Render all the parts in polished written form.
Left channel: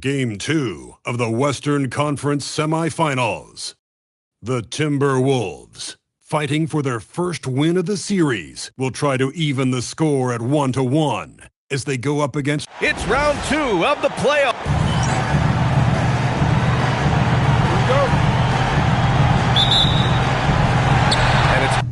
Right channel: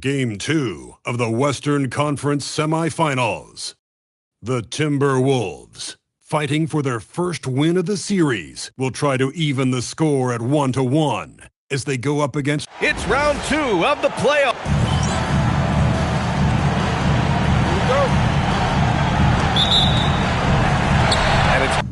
Game 2 of the Western Conference Semifinals. The Timberwolves, fighting for their first win of the series, will try to even the score at 1-1 as they go up against... It's round 2 of the playoff. Here we go. And it's...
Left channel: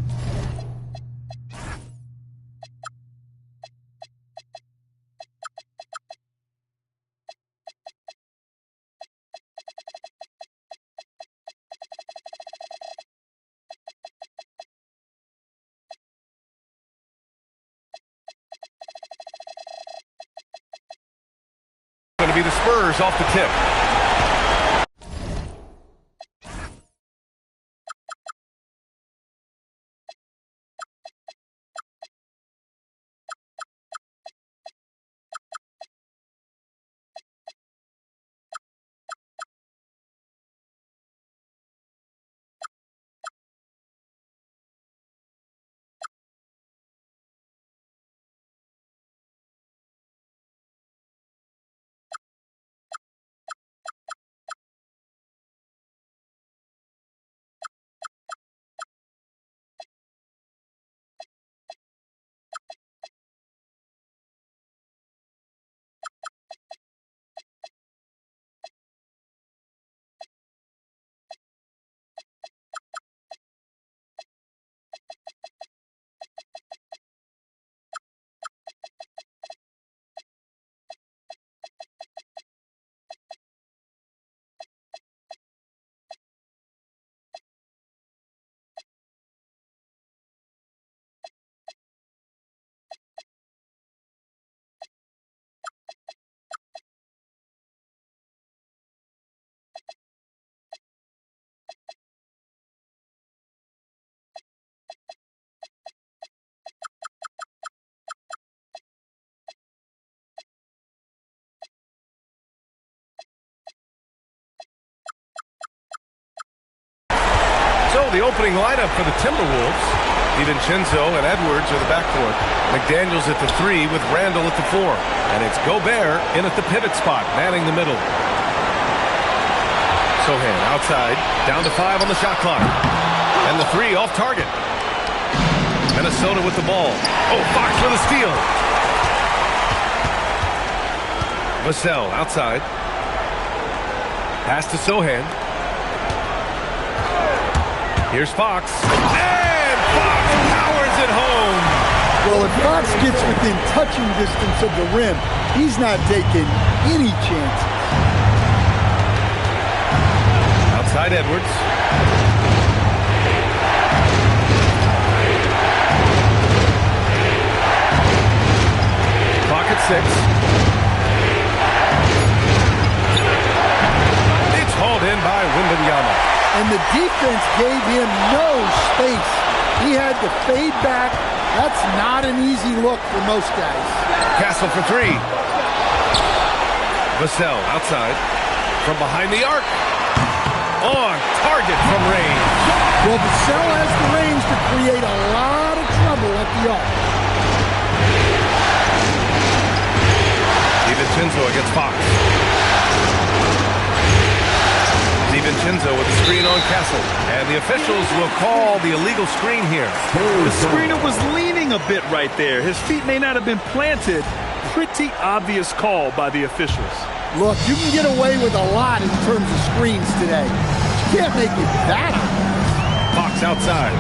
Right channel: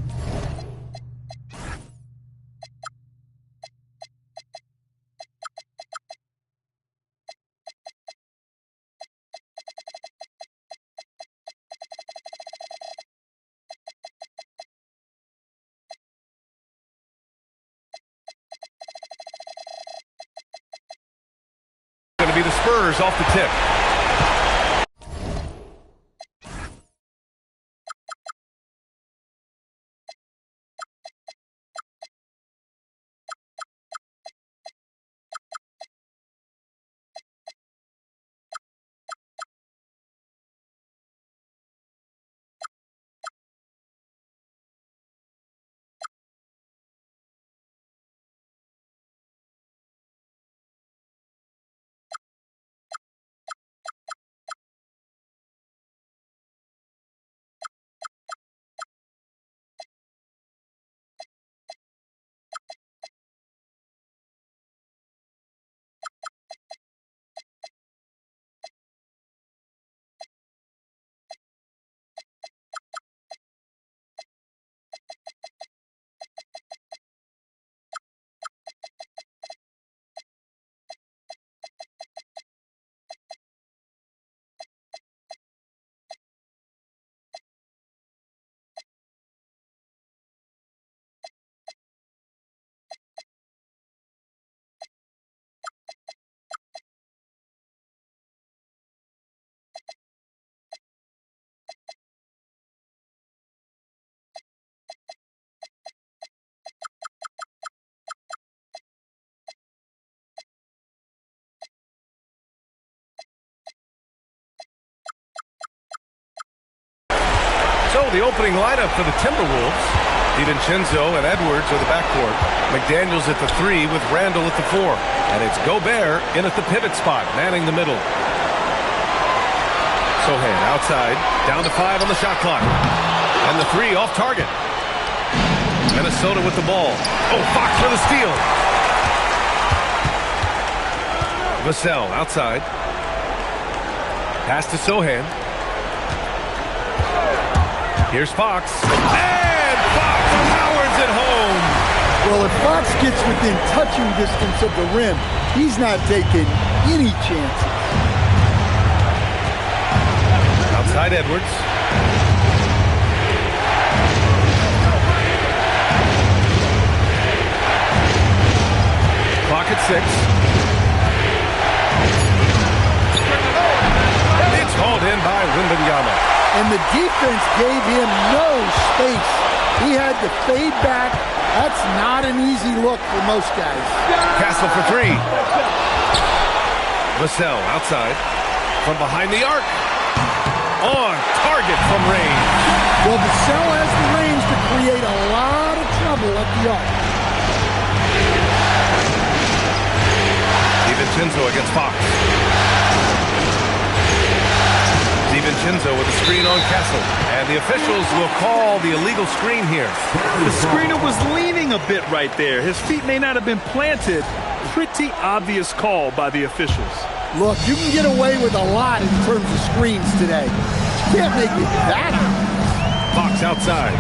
going to be the Spurs off the tip. So the opening lineup for the Timberwolves, DiVincenzo and Edwards are the backcourt. McDaniels at the 3 with Randall at the 4. And it's Gobert in at the pivot spot, manning the middle. Sohan outside, down to 5 on the shot clock. And the 3 off target. Minnesota with the ball. Oh, Fox for the steal. Vassell outside. Pass to Sohan. Here's Fox. And Fox powers it home. Well, if Fox gets within touching distance of the rim, he's not taking any chances. Outside Edwards. Clock at 6. It's hauled in by Wembanyama. And the defense gave him no space. He had to fade back. That's not an easy look for most guys. Castle for 3. Vassell outside. From behind the arc. On target from range. Well, Vassell has the range to create a lot of trouble at the arc. DiVincenzo against Fox. DiVincenzo with a screen on Castle. And the officials will call the illegal screen here. The screener was leaning a bit right there. His feet may not have been planted. Pretty obvious call by the officials. Look, you can get away with a lot in terms of screens today. But you can't make it that obvious. Fox outside.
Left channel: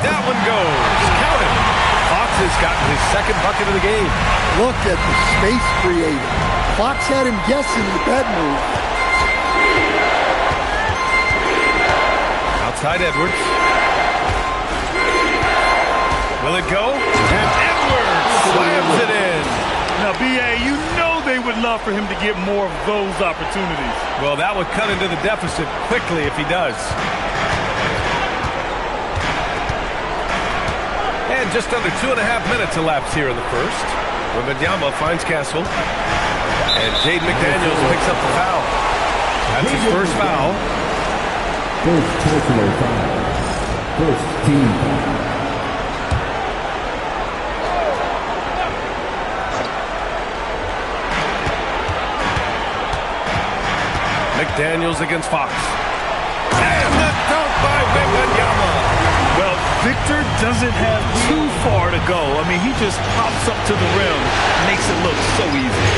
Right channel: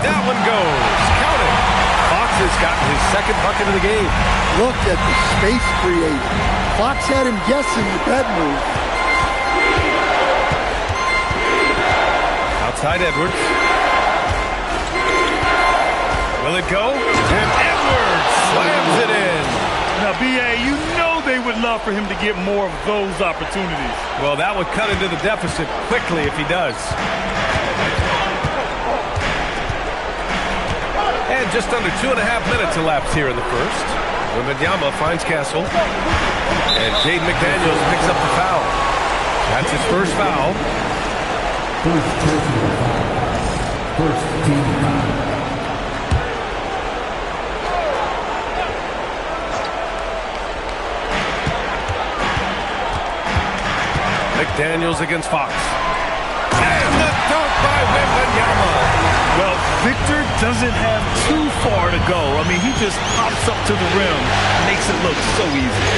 That one goes. Count it. Fox has gotten his second bucket of the game. Look at the space created. Fox had him guessing the bed move. Outside Edwards. Will it go? And Edwards slams it in. Now, B.A., you know they would love for him to get more of those opportunities. Well, that would cut into the deficit quickly if he does. And just under 2.5 minutes elapsed here in the first. Wembanyama finds Castle. And Jaden McDaniels picks up the foul. That's his first foul. First personal foul. First team foul. McDaniels against Fox. And the dunk by Wembanyama. Well, Victor doesn't have too far to go. I mean, he just pops up to the rim, makes it look so easy.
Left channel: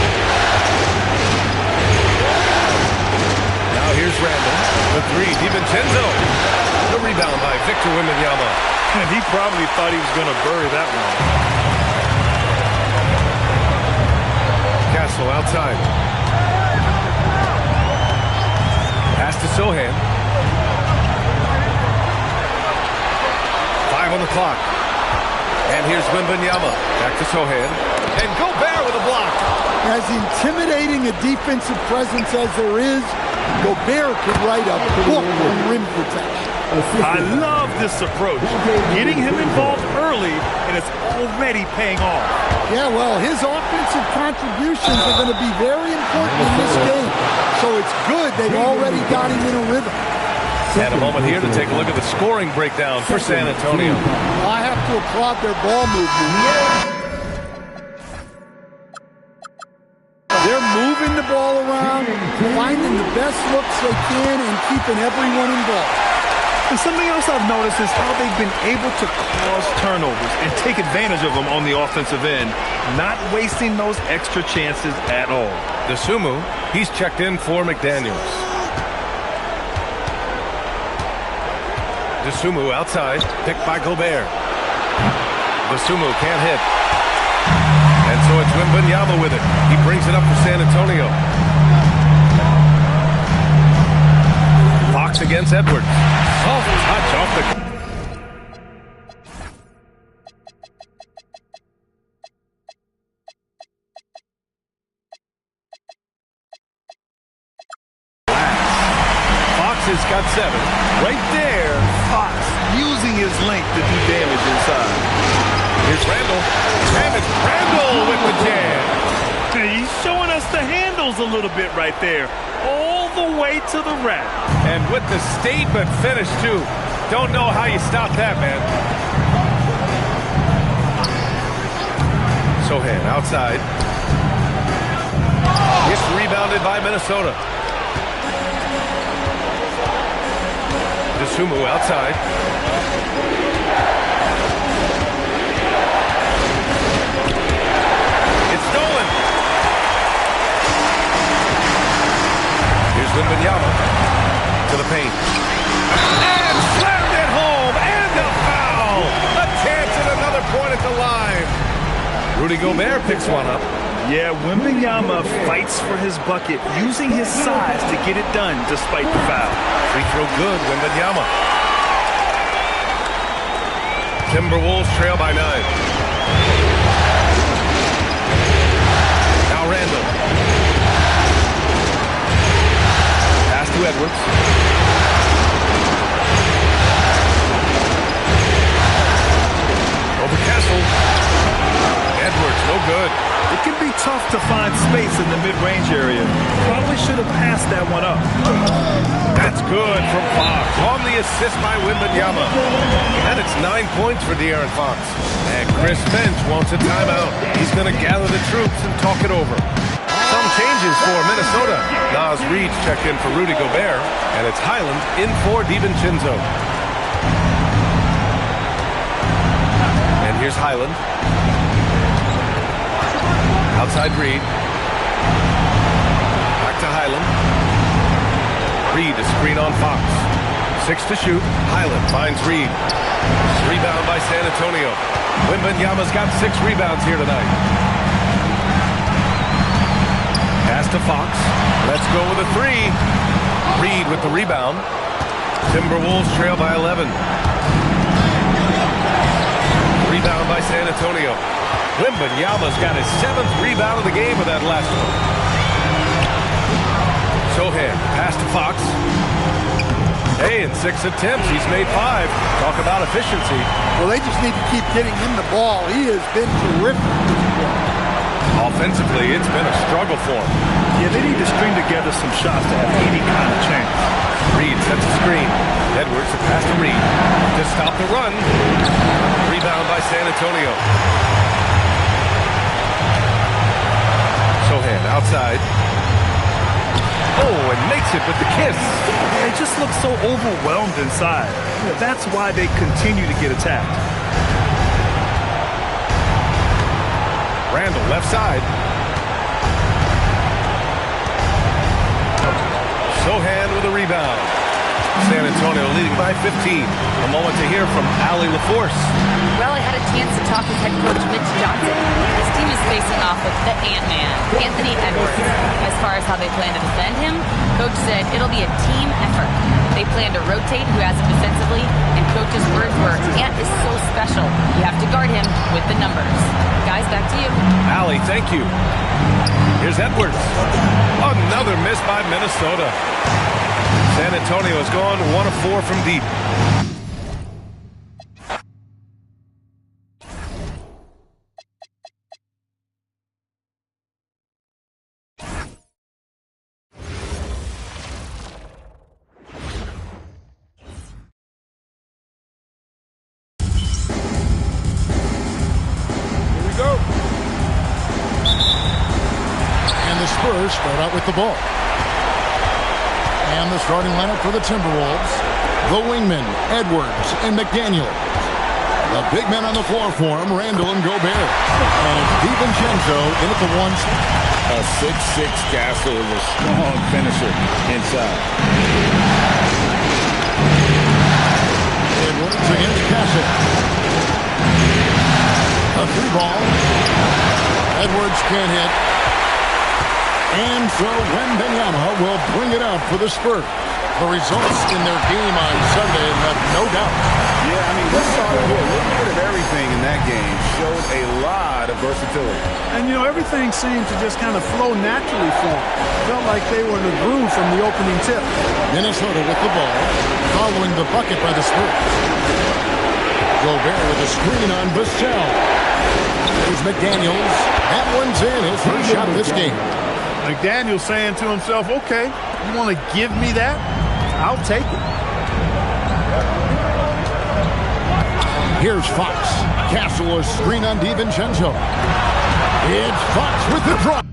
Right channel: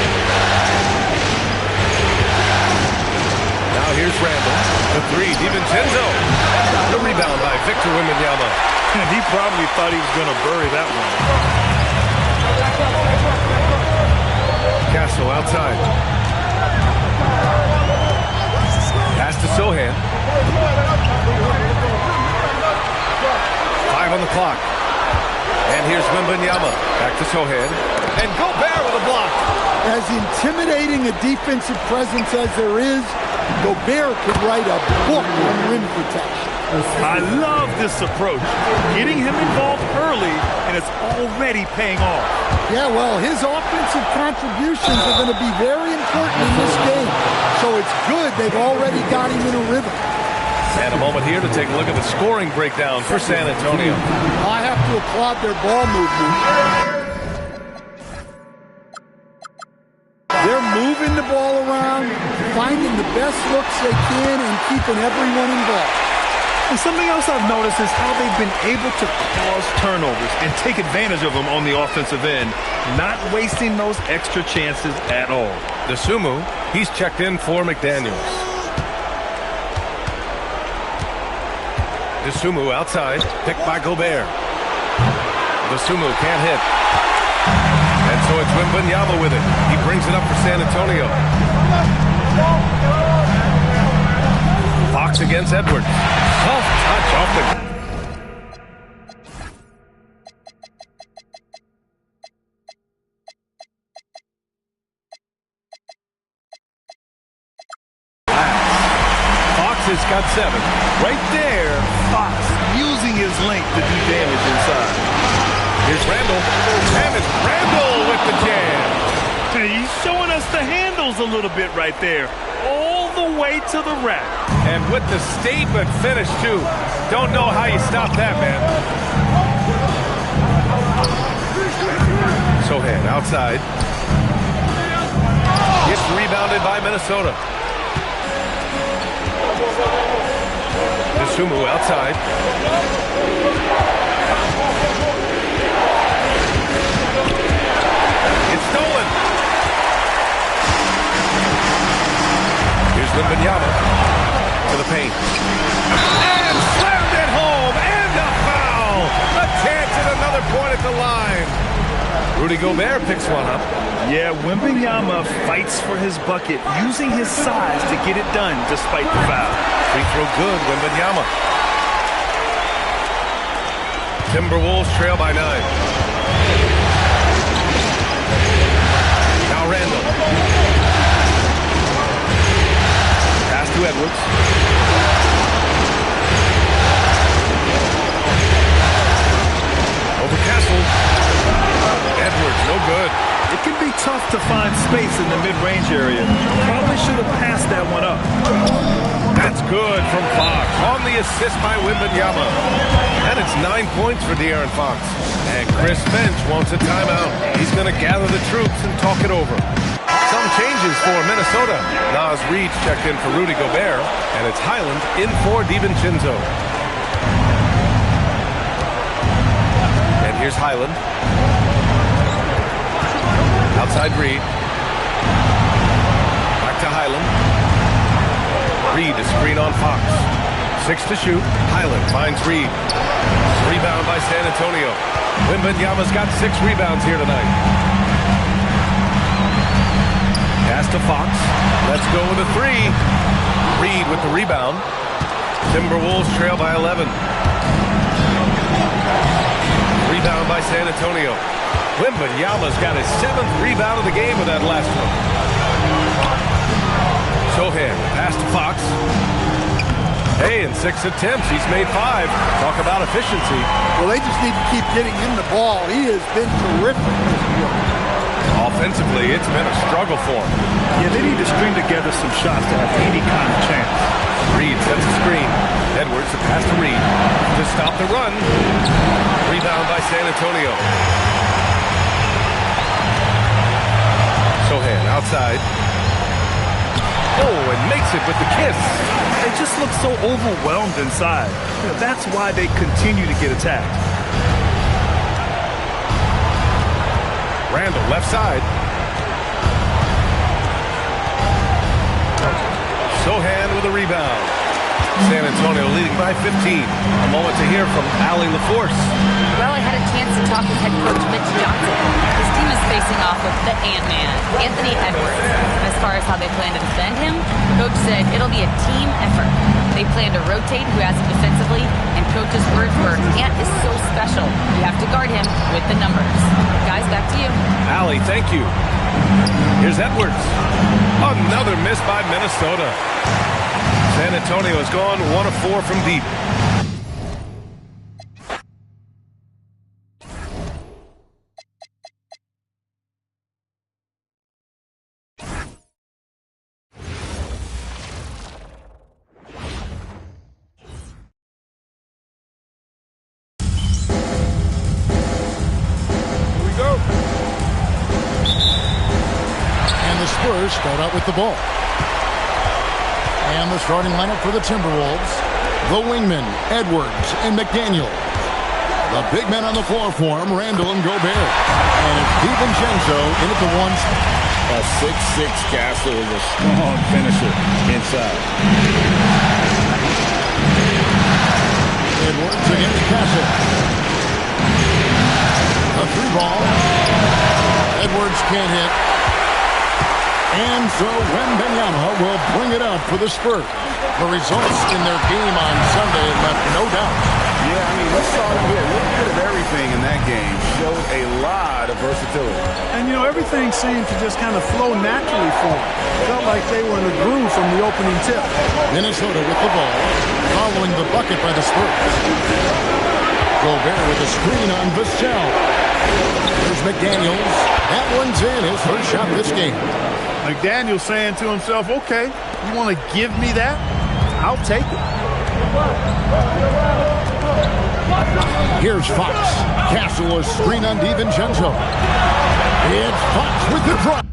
Now here's Randall. The three, DiVincenzo. The rebound by Victor Wembanyama. And he probably thought he was going to bury that one. Castle outside. Pass to Sohan. 5 on the clock. And here's Wembanyama. Back to Sohan. And Gobert with a block. As intimidating a defensive presence as there is, Gobert could write a book on rim protection. I love this approach. Getting him involved early, and it's already paying off. Yeah, well, his offensive contributions are going to be very important in this game. So it's good they've already got him in a rhythm. And a moment here to take a look at the scoring breakdown for San Antonio. I have to applaud their ball movement. They're moving the ball around, finding the best looks they can, and keeping everyone involved. And something else I've noticed is how they've been able to cause turnovers and take advantage of them on the offensive end, not wasting those extra chances at all. DeSumo, he's checked in for McDaniels. DeSumo outside, picked by Gobert. DeSumo can't hit. And so it's Wembanyama with it. He brings it up for San Antonio. Fox against Edwards. Soft touch off the glass. Fox has got 7. Right there, Fox using his length to do damage inside. Here's Randall. And it's Randall with the jam. He's showing us the handles a little bit right there. All the way to the rack. And with the statement finish, too. Don't know how you stop that, man. Sohan outside. It's rebounded by Minnesota. DeSumo outside. It's stolen. Here's Wembanyama to the paint. And slammed it home. And a foul. A chance at another point at the line. Rudy Gobert picks one up. Yeah, Wembanyama fights for his bucket, using his size to get it done despite the foul. Free throw good, Wembanyama. Timberwolves trail by 9. Now Randall. Pass to Edwards. Over Castle. Edwards, no good. It can be tough to find space in the mid-range area. Probably should have passed that one up. That's good from Fox. On the assist by Wembanyama. And it's 9 points for De'Aaron Fox. And Chris Finch wants a timeout. He's going to gather the troops and talk it over. Some changes for Minnesota. Naz Reid checked in for Rudy Gobert. And it's Highland in for DiVincenzo. And here's Highland. Outside Reid. Back to Highland. Reid to screen on Fox. 6 to shoot. Highland finds Reid. Rebound by San Antonio. Wembanyama's got 6 rebounds here tonight. Pass to Fox. Let's go with a 3. Reid with the rebound. Timberwolves trail by 11. Rebound by San Antonio. Wembanyama's got his 7th rebound of the game with that last one. Sohan, pass to Fox. Hey, in 6 attempts, he's made 5. Talk about efficiency. Well, they just need to keep getting him the ball. He has been terrific this year. Offensively, it's been a struggle for him. Yeah, they need to string together some shots to have any kind of chance. Reid sets a screen. Edwards to pass to Reid. To stop the run. Rebound by San Antonio. Sohan outside. Oh, and makes it with the kiss. They just look so overwhelmed inside. That's why they continue to get attacked. Randall, left side. Sohan with a rebound. San Antonio leading by 15. A moment to hear from Allie LaForce. Well, I had a chance to talk with head coach Mitch Johnson. His team is facing off with the Ant-Man, Anthony Edwards. As far as how they plan to defend him, coach said it'll be a team effort. They plan to rotate who has him defensively, and coach's words were, Ant is so special. You have to guard him with the numbers. Guys, back to you. Allie, thank you. Here's Edwards. Another miss by Minnesota. San Antonio has gone 1 of 4 from deep. Here we go. And the Spurs start out with the ball. And the starting lineup for the Timberwolves, the wingmen, Edwards and McDaniel. The big men on the floor for him, Randall and Gobert. And it's DiVincenzo in at the one. A 6'6" Castle is a strong finisher inside. Edwards against Castle. A 3-ball. Edwards can't hit. And so Wembanyama will bring it up for the Spurs. The results in their game on Sunday left no doubt. Yeah, I mean, we saw them do a little bit of everything in that game. Showed a lot of versatility. And, everything seemed to just kind of flow naturally for them. Felt like they were in a groove from the opening tip. Minnesota with the ball, following the bucket by the Spurs. Gobert with a screen on Vassell. There's McDaniels. That one's in, his first shot this game. McDaniel saying to himself, okay, you want to give me that? I'll take it. Here's Fox. Castle, a screen on DiVincenzo. It's Fox with the drop.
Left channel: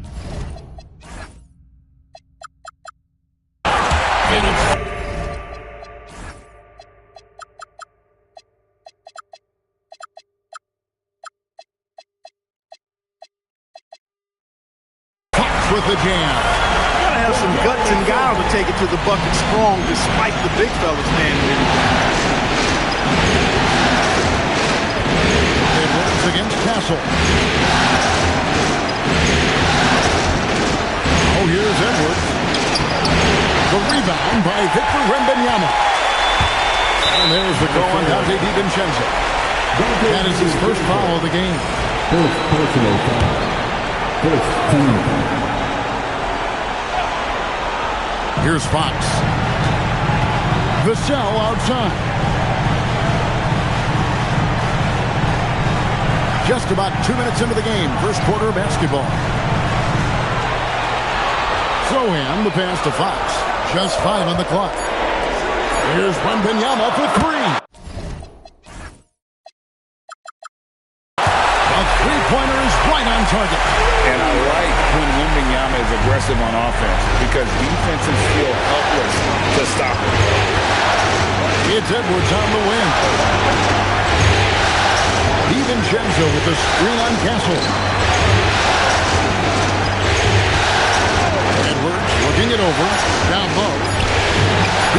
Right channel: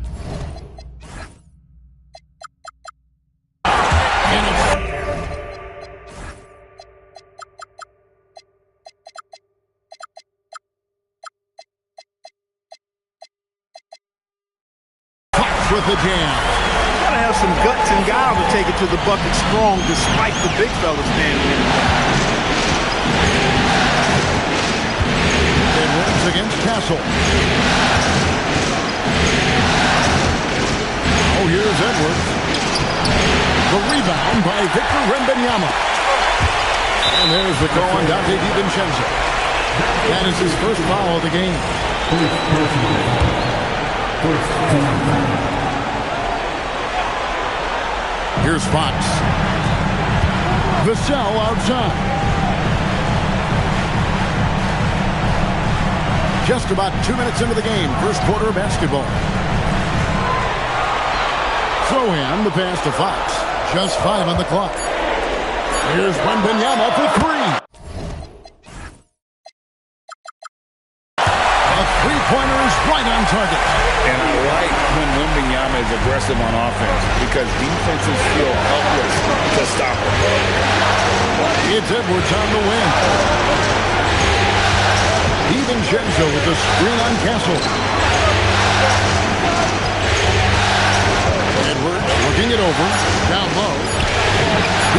And it's with the jam. You gotta have some guts and guile to take it to the bucket strong despite the big fella standing in the way. Edwards against Castle. Oh, here's Edwards. The rebound by Victor Wembanyama. And there's the call on Dante DiVincenzo. That is his first foul of the game. First personal foul. First team foul. Here's Fox. Vassell outside. Just about 2 minutes into the game. First quarter of basketball. Sohan, the pass to Fox. Just 5 on the clock. Here's Wembanyama for 3. A three-pointer is right on target. And I like when Wembanyama is aggressive on offense because defenses feel helpless to stop him. It's Edwards on the wing. DiVincenzo with the screen on Castle. Edwards looking it over. Down low.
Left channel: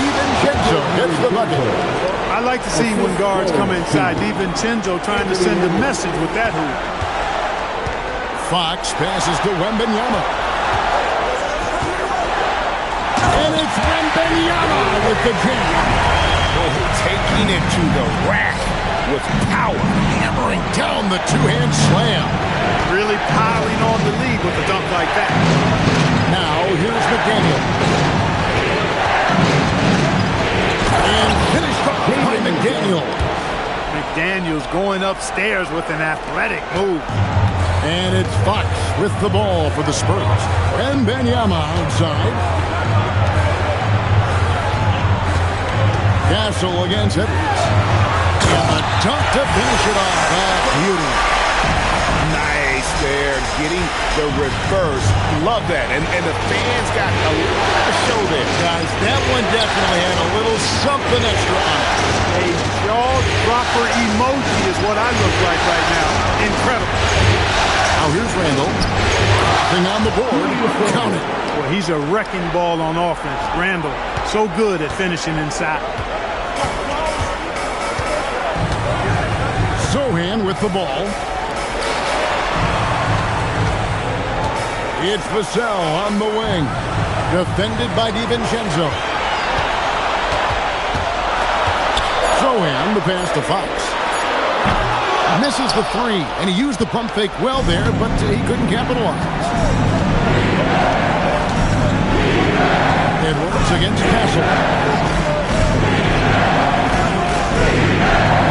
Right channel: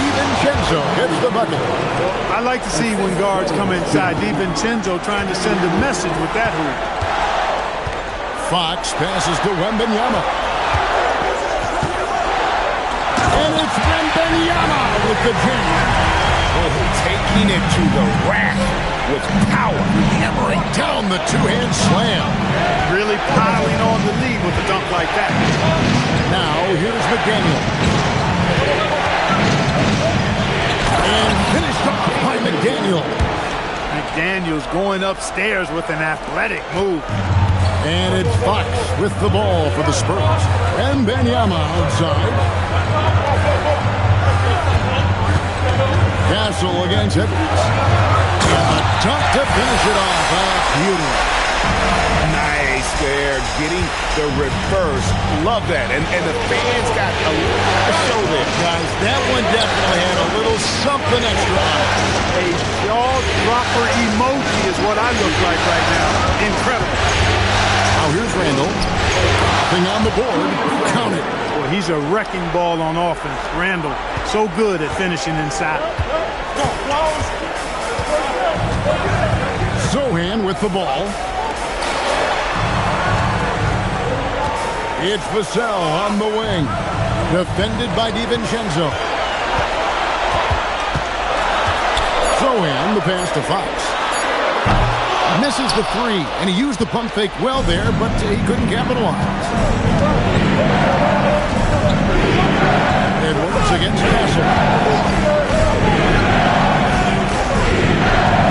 DiVincenzo gets the bucket. I like to see when guards come inside. DiVincenzo trying to send a message with that hoop. Fox passes to Wembanyama. And it's Wembanyama with the jam. Oh, taking it to the rack with power. Hammering down the two-hand slam. Really piling on the lead with a dunk like that. Now, here's McDaniel. And finished off by McDaniel. McDaniel's going upstairs with an athletic move. And it's Fox with the ball for the Spurs. Wembanyama outside. Castle against Edwards. And the dunk to finish it off. A beauty. Nice. Nice there, getting the reverse. Love that. And the fans got a show there. Guys, that one definitely had a little something extra on it. A jaw-dropper emoji is what I look like right now. Incredible. Now here's Randall. Nothing on the board. Count it. Well, he's a wrecking ball on offense. Randall, so good at finishing inside. Sohan with the ball. It's Vassell on the wing. Defended by DiVincenzo. Sohan, the pass to Fox. Misses the three, and he used the pump fake well there, but he couldn't capitalize. Edwards against Castle.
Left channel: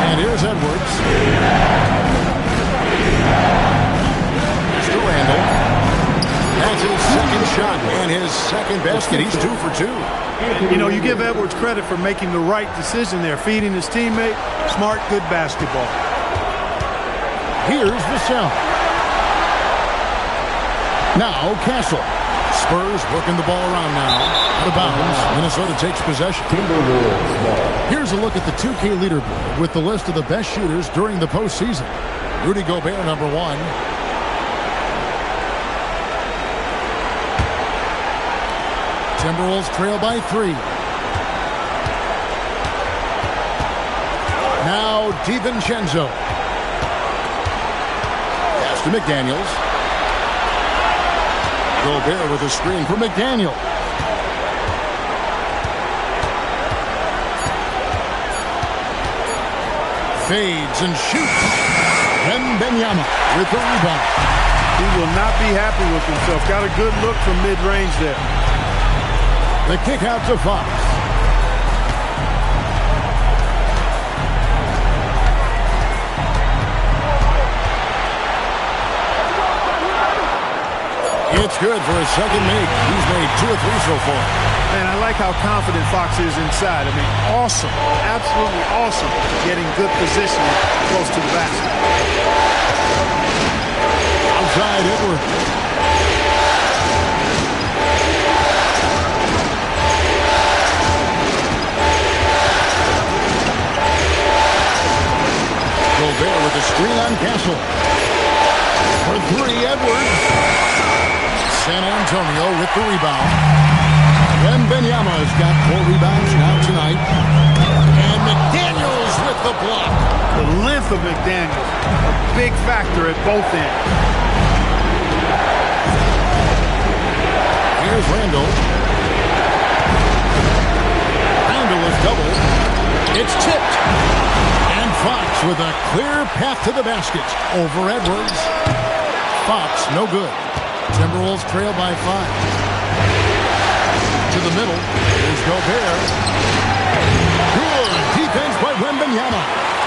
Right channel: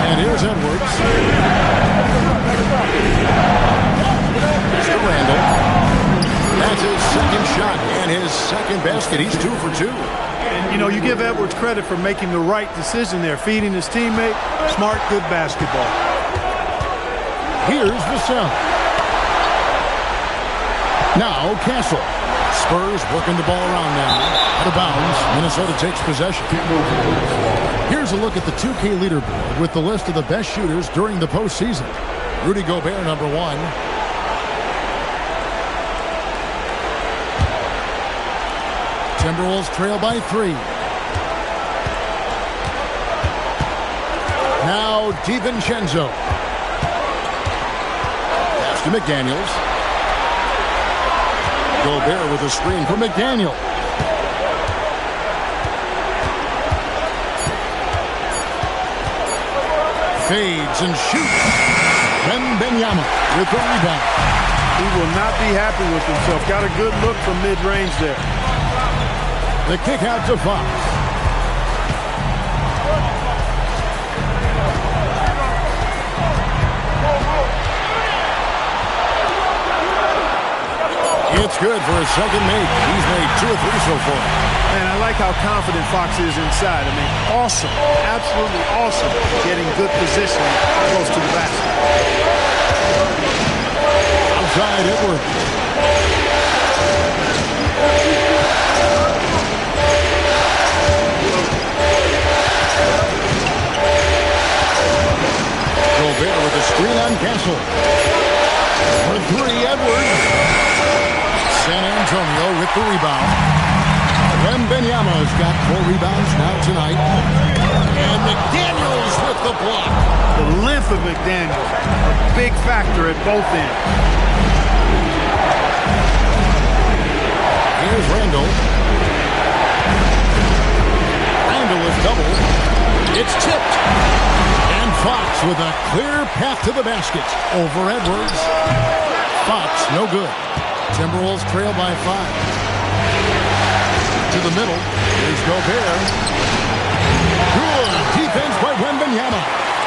And here's Edwards. To Randall. That's his second shot and his second basket. He's 2 for 2. And, you know, you give Edwards credit for making the right decision there, feeding his teammate. Smart, good basketball. Here's Vassell. Now Castle. Spurs working the ball around now. Out of bounds. Minnesota takes possession. Here's a look at the 2K leaderboard with the list of the best shooters during the postseason. Rudy Gobert, number 1. Timberwolves trail by 3. Now DiVincenzo. Pass to McDaniels. Gobert with a screen for McDaniel. Fades and shoots. Wembanyama with the rebound. He will not be happy with himself. Got a good look from mid-range there. The kick out to Fox. It's good for his second make. He's made 2 or 3 so far. Man, I like how confident Fox is inside. I mean, awesome. Absolutely awesome. Getting good position close to the basket. Outside Edwards. Gobert with a screen on Castle. For 3, Edwards. San Antonio with the rebound. Wembanyama's got 4 rebounds now tonight. And McDaniels with the block. The length of McDaniels, a big factor at both ends. Here's Randall. Randall is doubled. It's tipped. And Fox with a clear path to the basket. Over Edwards. Fox, no good. Timberwolves trail by 5. To the middle. Here's Gobert. Good defense by Wembanyama.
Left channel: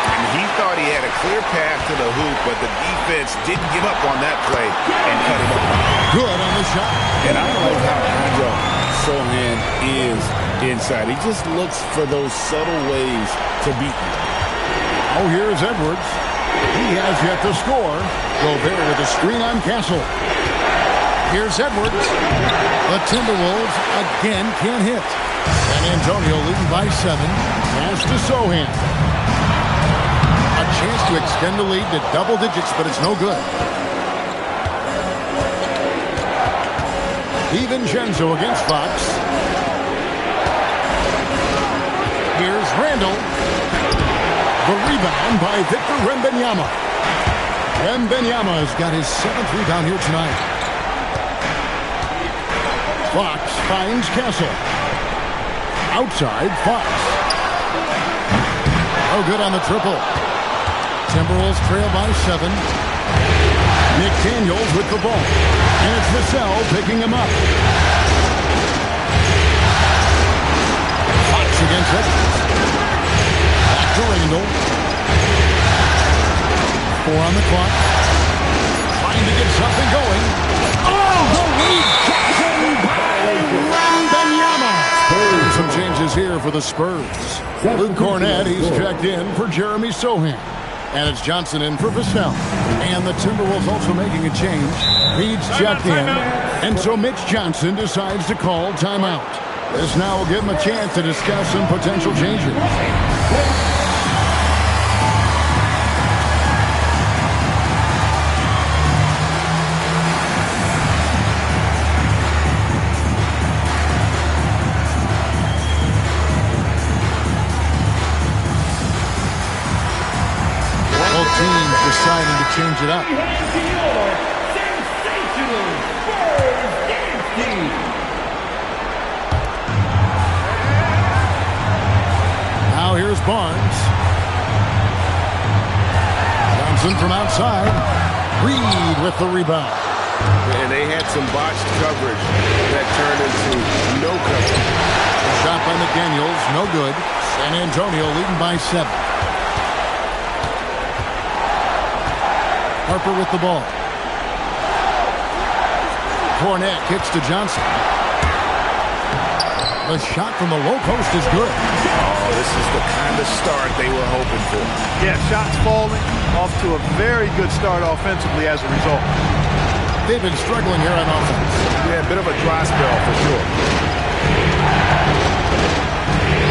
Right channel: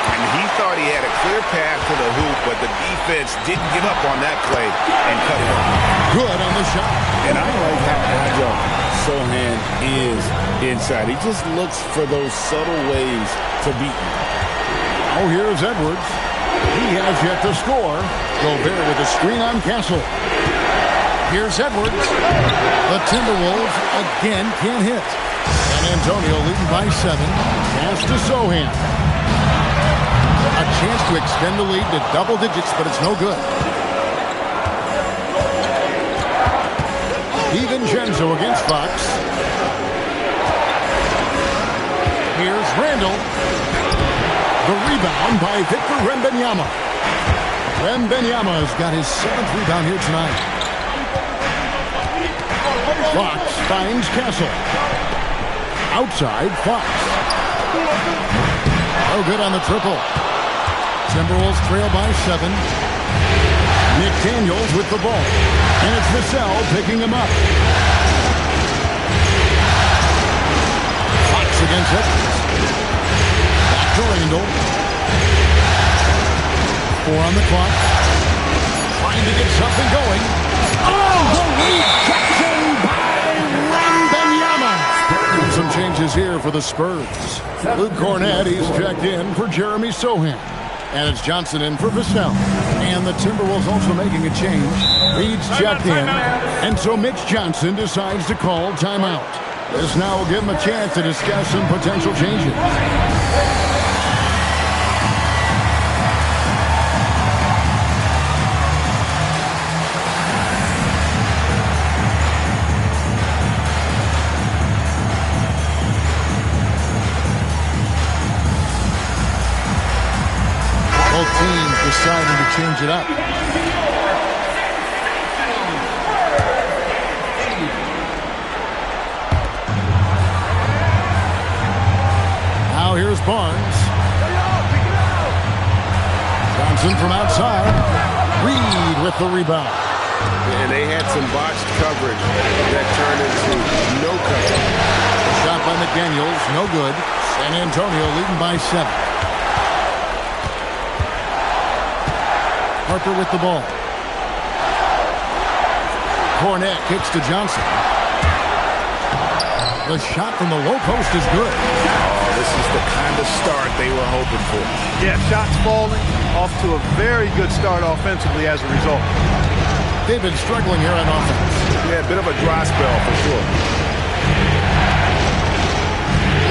And he thought he had a clear path to the hoop, but the defense didn't give up on that play and cut him off. Good on the shot. And I like how agile Sohan is inside. He just looks for those subtle ways to beat you. Oh, here's Edwards. He has yet to score. Gobert with a screen on Castle. Here's Edwards. The Timberwolves again can't hit. San Antonio leading by 7. Pass to Sohan. A chance to extend the lead to double digits, but it's no good. DiVincenzo against Fox. Here's Randall. The rebound by Victor Wembanyama. Wembanyama's got his 7th rebound here tonight. Fox finds Castle. Outside, Fox. No good on the triple. Timberwolves trail by 7. McDaniels with the ball. And it's Vassell picking him up. Fox against Edwards. Back to Randall. 4 on the clock. Trying to get something going. Oh, the rejection by Wembanyama. Some changes here for the Spurs. Luke Cornett, he's checked in for Jeremy Sohan. And it's Johnson in for Vassell. And the Timberwolves also making a change. Reed's checked in. And so Mitch Johnson decides to call timeout. This now will give him a chance to discuss some potential changes. Both teams deciding to change it up. Now here's Barnes. Johnson from outside. Reed with the rebound. And they had some botched coverage that turned into no coverage. A shot by McDaniels, no good. San Antonio leading by 7. Harper with the ball. Cornette kicks to Johnson. The shot from the low post is good. Oh, this is the kind of start they were hoping for. Yeah, shots falling, off to a very good start offensively as a result. They've been struggling here on offense. Yeah, a bit of a dry spell for sure.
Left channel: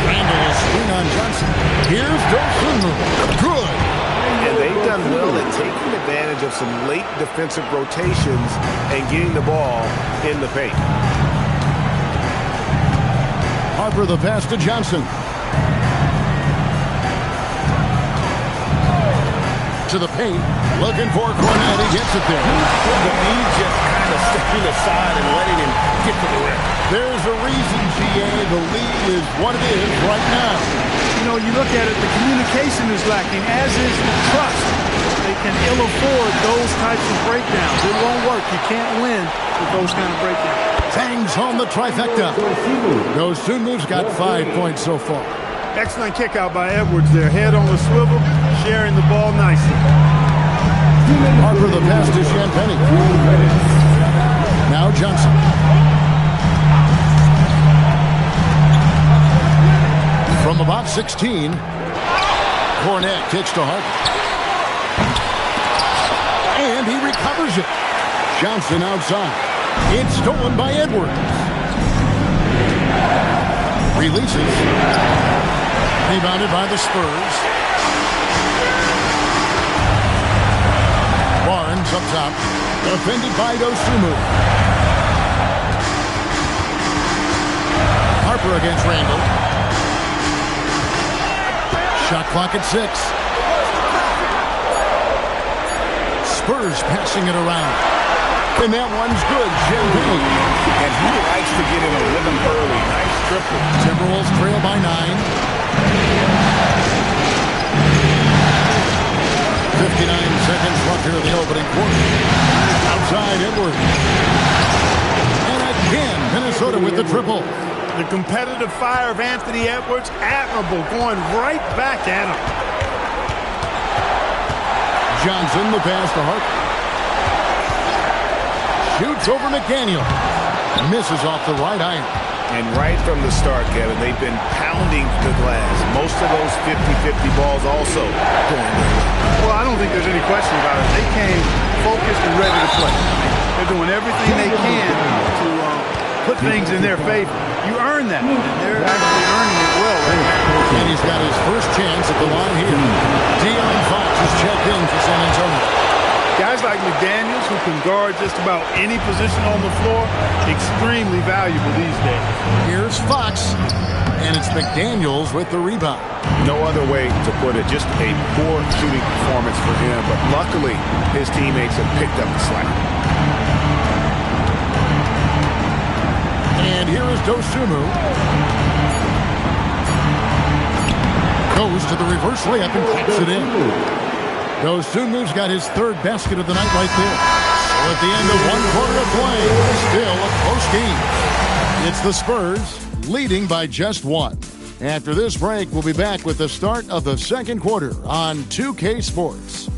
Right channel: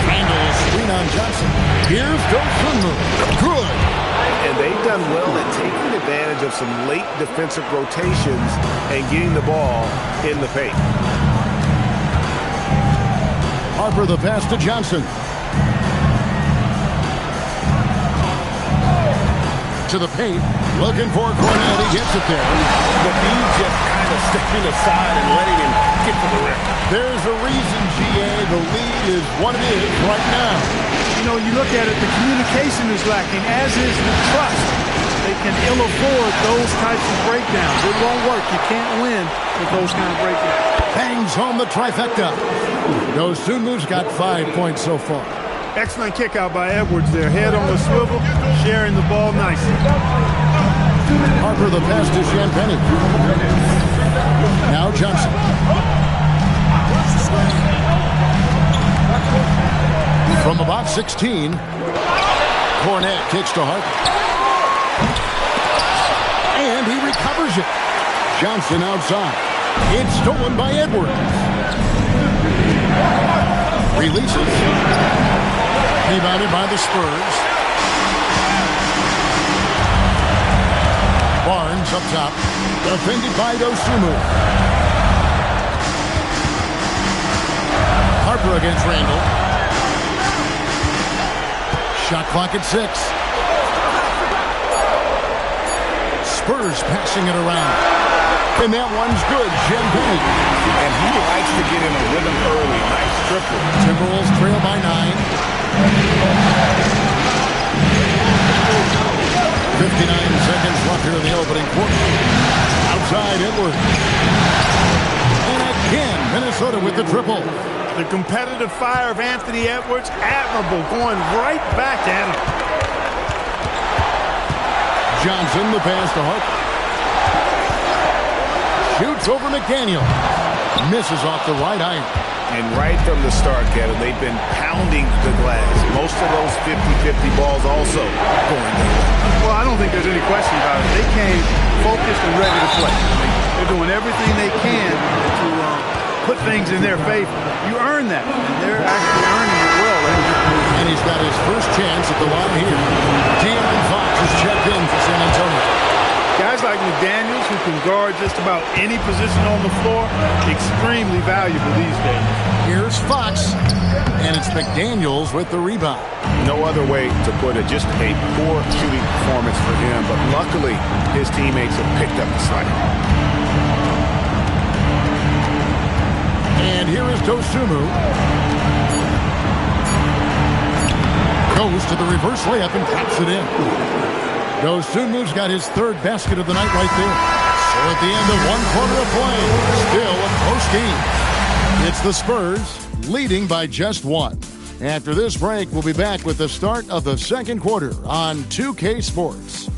Randall screen on Johnson. Here's Dosunmu. Good. And they've done well at taking advantage of some late defensive rotations and getting the ball in the paint. Harper the pass to Johnson. To the paint. Looking for Cornette. He gets it there. But he's just kind of stepping aside and letting him get to the rim. There's a reason, GA. The lead is what it is right now. You know, you look at it, the communication is lacking, as is the trust. They can ill afford those types of breakdowns. It won't work. You can't win with those kind of breakdowns. Bangs home the trifecta. Dosunmu's got 5 points so far. Excellent kick out by Edwards there. Head on the swivel, sharing the ball nicely. Harper the pass to Champagny. Now Johnson. From about 16, Cornette kicks to Harper. And he recovers it. Johnson outside. It's stolen by Edwards. Releases. Rebounded by the Spurs. Barnes up top. Defended by Dosunmu. Harper against Randall. Shot clock at 6. Spurs passing it around. And that one's good. Champagny. And he likes to get in a rhythm early. Nice triple. Timberwolves trail by 9. 59 seconds left here in the opening quarter. Outside Edwards. And again, Minnesota with the triple. The competitive fire of Anthony Edwards, admirable, going right back at him. Johnson, the pass to Harper. Shoots over McDaniel. Misses off the right iron. And right from the start, Kevin, they've been pounding the glass. Most of those 50-50 balls also going their way. Well, I don't think there's any question about it. They came focused and ready to play. I mean, they're doing everything they can to put things in their favor. You earn that, and they're actually earning it well right now. And he's got his first chance at the line here. De'Aaron Fox is checked in for San Antonio. Guys like McDaniels, who can guard just about any position on the floor, extremely valuable these days. Here's Fox, and it's McDaniels with the rebound. No other way to put it. Just a poor shooting performance for him, but luckily his teammates have picked up the slack. And here is Dosunmu. Goes to the reverse layup and taps it in. Dosunmu's got his third basket of the night right there. So at the end of 1 quarter of play, still a close game. It's the Spurs leading by just 1. After this break, we'll be back with the start of the second quarter on 2K Sports.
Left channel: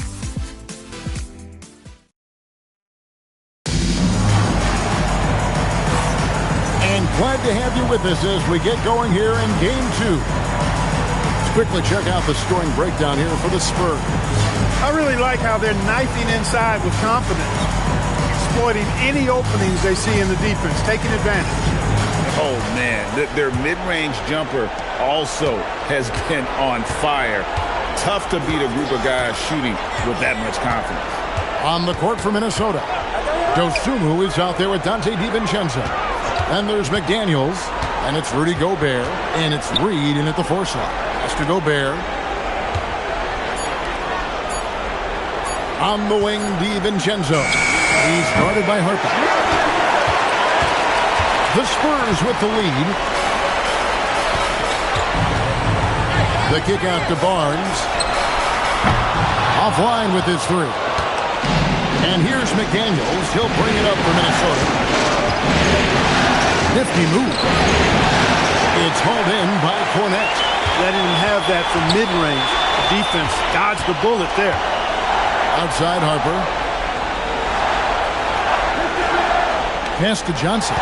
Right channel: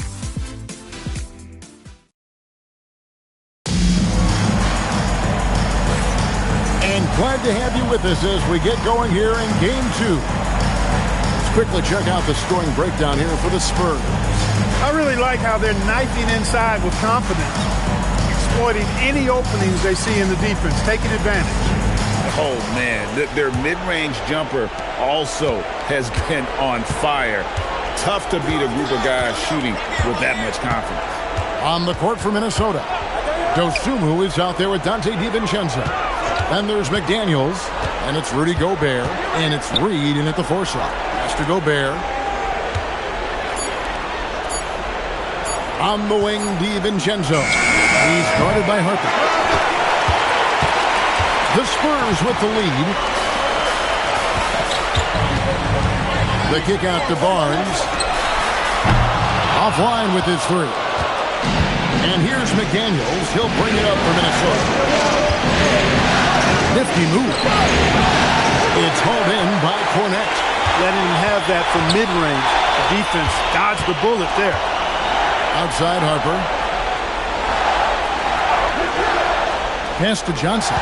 And glad to have you with us as we get going here in Game 2. Let's quickly check out the scoring breakdown here for the Spurs. I really like how they're knifing inside with confidence, exploiting any openings they see in the defense, taking advantage. Oh, man, their mid-range jumper also has been on fire. Tough to beat a group of guys shooting with that much confidence. On the court for Minnesota, Dosunmu is out there with Dante DiVincenzo. And there's McDaniels, and it's Rudy Gobert, and it's Reed in at the 4 slot. Pass to Gobert. On the wing, DiVincenzo. He's guarded by Harper. The Spurs with the lead. The kick out to Barnes. Offline with his 3. And here's McDaniels. He'll bring it up for Minnesota. Nifty move. It's hauled in by Cornette. Letting him have that from mid-range. The defense dodged the bullet there. Outside Harper. Pass to Johnson.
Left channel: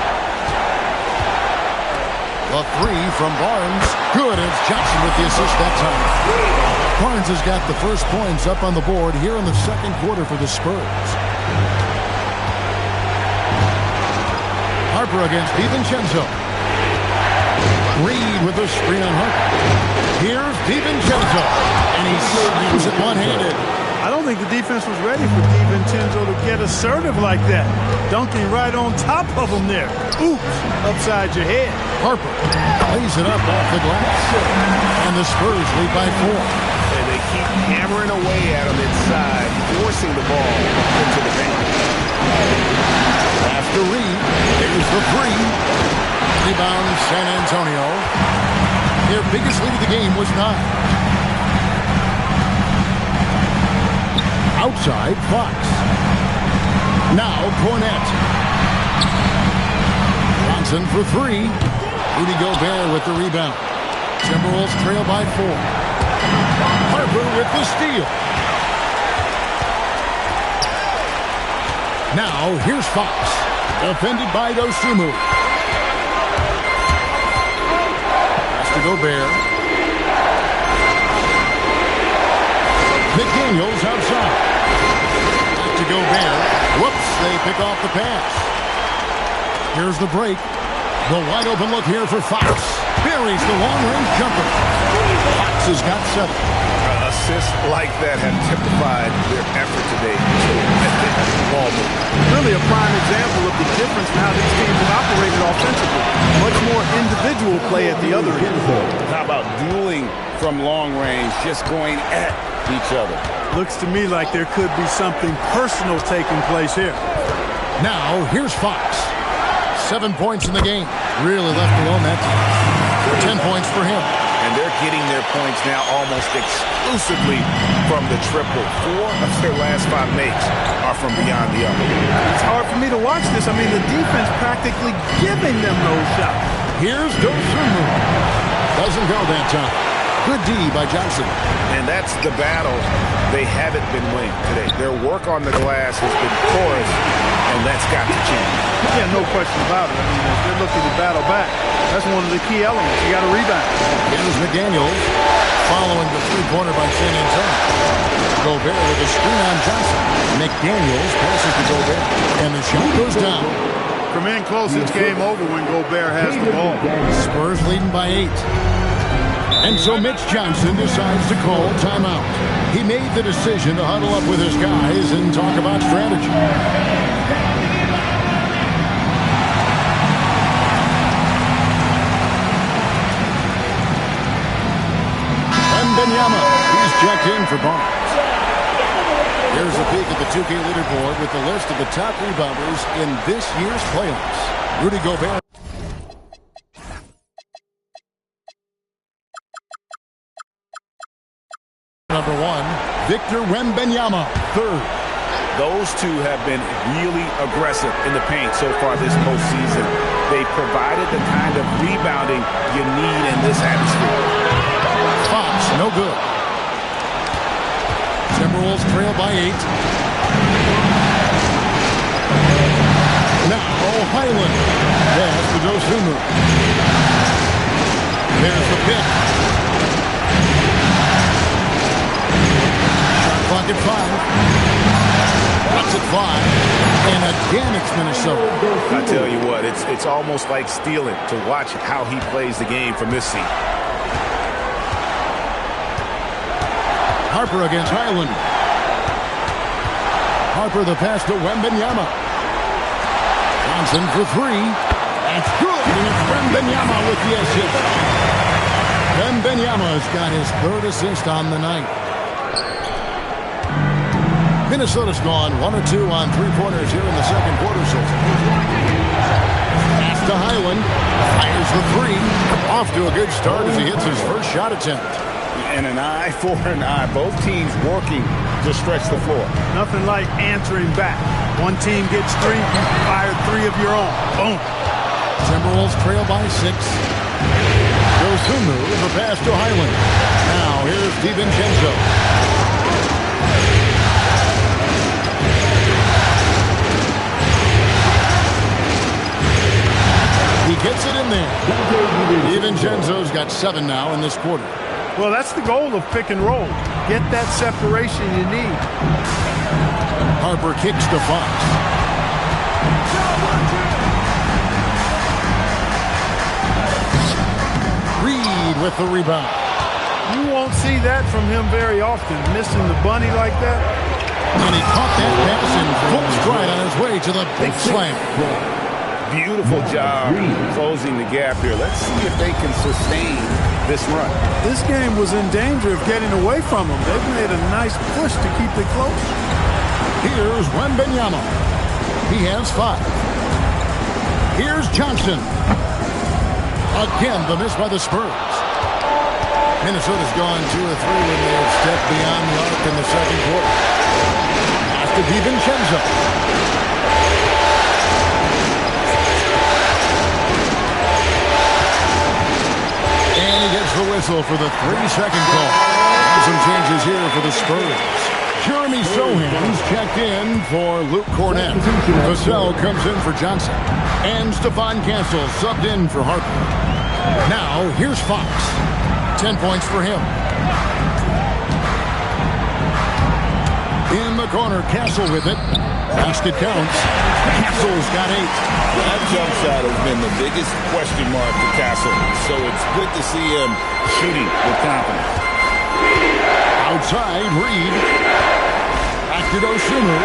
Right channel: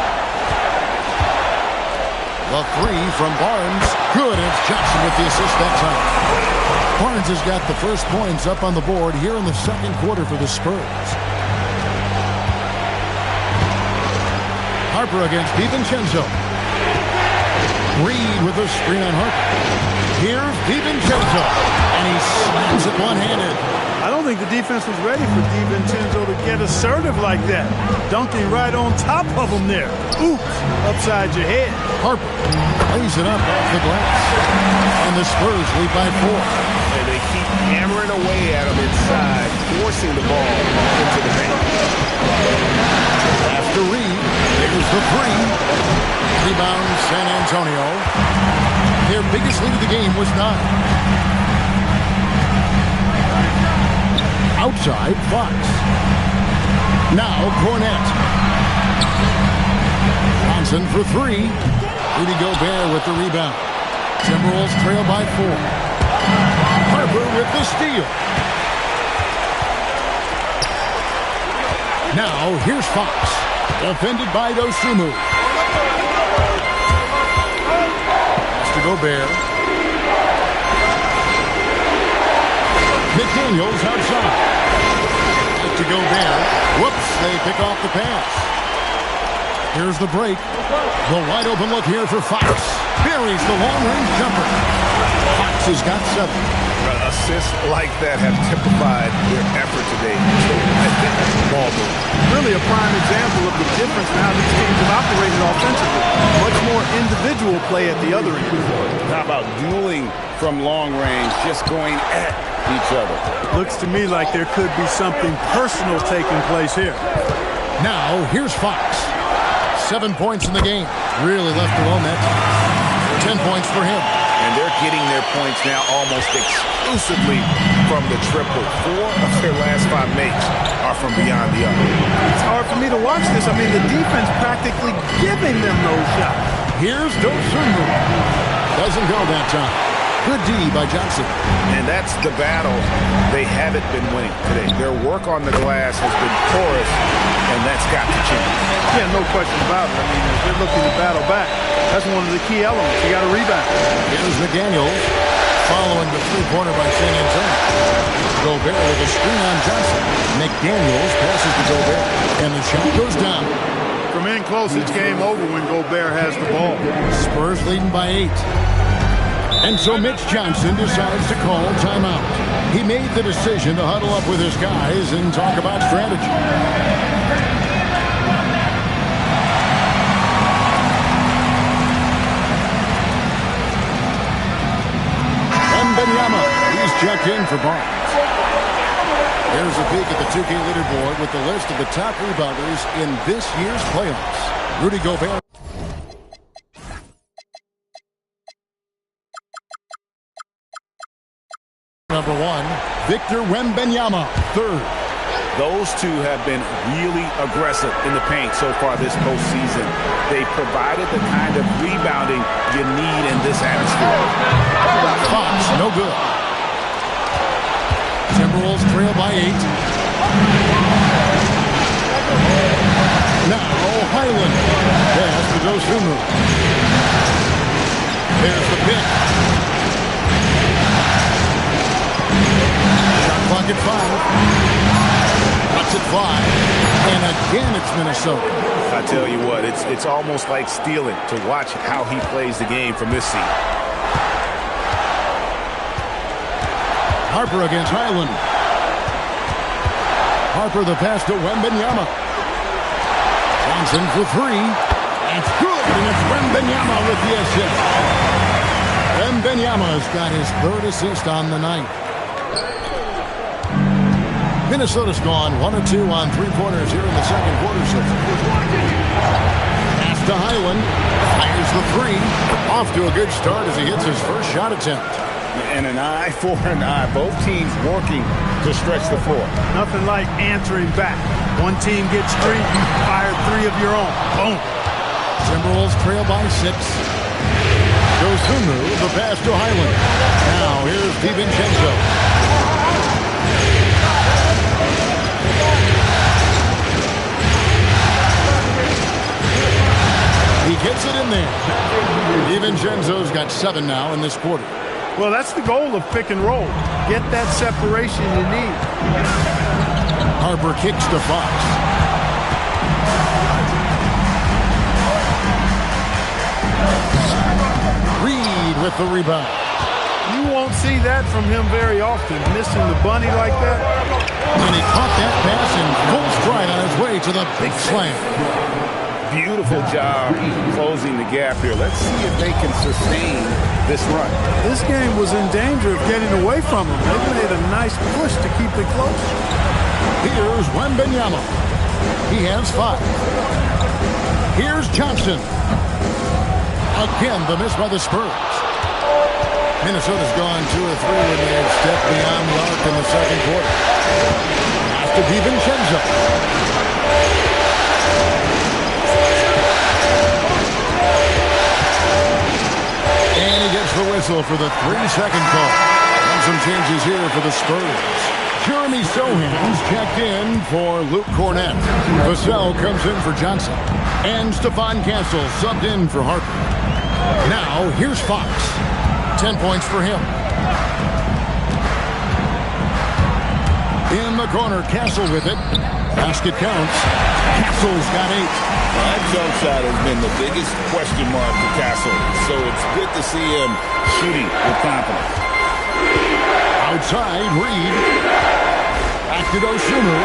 The 3 from Barnes. Good, and it's Johnson with the assist that time. Barnes has got the first points up on the board here in the second quarter for the Spurs. Harper against DiVincenzo. Reed with a screen on Harper. Here's DiVincenzo, and he slams it one-handed. I don't think the defense was ready for DiVincenzo to get assertive like that. Dunking right on top of him there. Oops, upside your head. Harper lays it up off the glass. And the Spurs lead by 4. And they keep hammering away at him inside, forcing the ball into the paint. After Reed, there's the 3. Rebound San Antonio. Their biggest lead of the game was 9. Outside, Fox. Now Cornette. Johnson for 3. Rudy Gobert with the rebound. Timberwolves trail by 4. Harper with the steal. Now here's Fox. Defended by Dosunmu. Pass to Gobert. McDaniels outside. Back to Gobert. Whoops, they pick off the pass. Here's the break. The wide open look here for Fox. Buries the long-range jumper. Fox has got 7. Assists like that have typified their effort today. Terrific ball move. Really a prime example of the difference in how these teams have operated offensively. Much more individual play at the other end. How about dueling from long range, just going at each other? Looks to me like there could be something personal taking place here. Now, here's Fox. 7 points in the game. Really left alone that time. 10 points for him. And they're getting their points now almost exclusively from the triple. 4 of their last 5 makes are from beyond the arc. It's hard for me to watch this. I mean, the defense practically giving them those shots. Here's Dosunmu. Doesn't go that time. Good D by Johnson. And that's the battle they haven't been winning today. Their work on the glass has been porous, and that's got to change. Yeah, no question about it. I mean, if they're looking to battle back, that's one of the key elements. You got to rebound. Here's McDaniels following the three-pointer by San Antonio. Gobert with a screen on Johnson. McDaniels passes to Gobert, and the shot goes down. From in close, it's game over when Gobert has the ball. Spurs leading by 8. And so Mitch Johnson decides to call timeout. He made the decision to huddle up with his guys and talk about strategy. Wembanyama, he's checked in for Barnes. Here's a peek at the 2K leaderboard with the list of the top rebounders in this year's playoffs. Rudy Gobert. Number 1, Victor Wembanyama, 3rd. Those two have been really aggressive in the paint so far this postseason. They provided the kind of rebounding you need in this atmosphere. Fox, no good. Timberwolves trail by 8. Now Highland. Pass to Dosunmu. There's the pick. Shot clock at 5. Lets it fly. And again, it's Minnesota. I tell you what, it's almost like stealing to watch how he plays the game from this seat. Harper against Highland. Harper the pass to Wembanyama. Johnson for 3. That's good, and it's Wembanyama with the assist. Wembanyama's got his 3rd assist on the night. Minnesota's gone 1 of 2 on 3-pointers here in the second quarter so far. Pass to Highland. Fires the 3. Off to a good start as he hits his first shot attempt. And an eye for an eye. Both teams working to stretch the floor. Nothing like answering back. One team gets 3, you fire 3 of your own. Boom. Timberwolves trail by 6. Dosunmu, the pass to Highland. Now here's DiVincenzo. He gets it in there. DiVincenzo's got 7 now in this quarter. Well, that's the goal of pick and roll. Get that separation you need. Harper kicks to Fox. Reed with the rebound. You won't see that from him very often, missing the bunny like that. And he caught that pass in full stride on his way to the big slam. Beautiful job closing the gap here. Let's see if they can sustain this run. This game was in danger of getting away from them. They've made a nice push to keep it close. Here's Wembanyama. He has 5. Here's Johnson. Again, the miss by the Spurs. Minnesota's gone 2 of 3 when they have stepped beyond the arc in the second quarter. Pass to DiVincenzo. And he gets the whistle for the 3-second call. And some changes here for the Spurs. Jeremy Sohan's checked in for Luke Cornett. Vassell comes in for Johnson. And Stephon Castle subbed in for Harper. Now, here's Fox. 10 points for him. In the corner, Castle with it. Basket counts. Castle's got 8. That jump shot has been the biggest question mark for Castle, so it's good to see him shooting with confidence. Outside, Reed. Back to Dosunmu.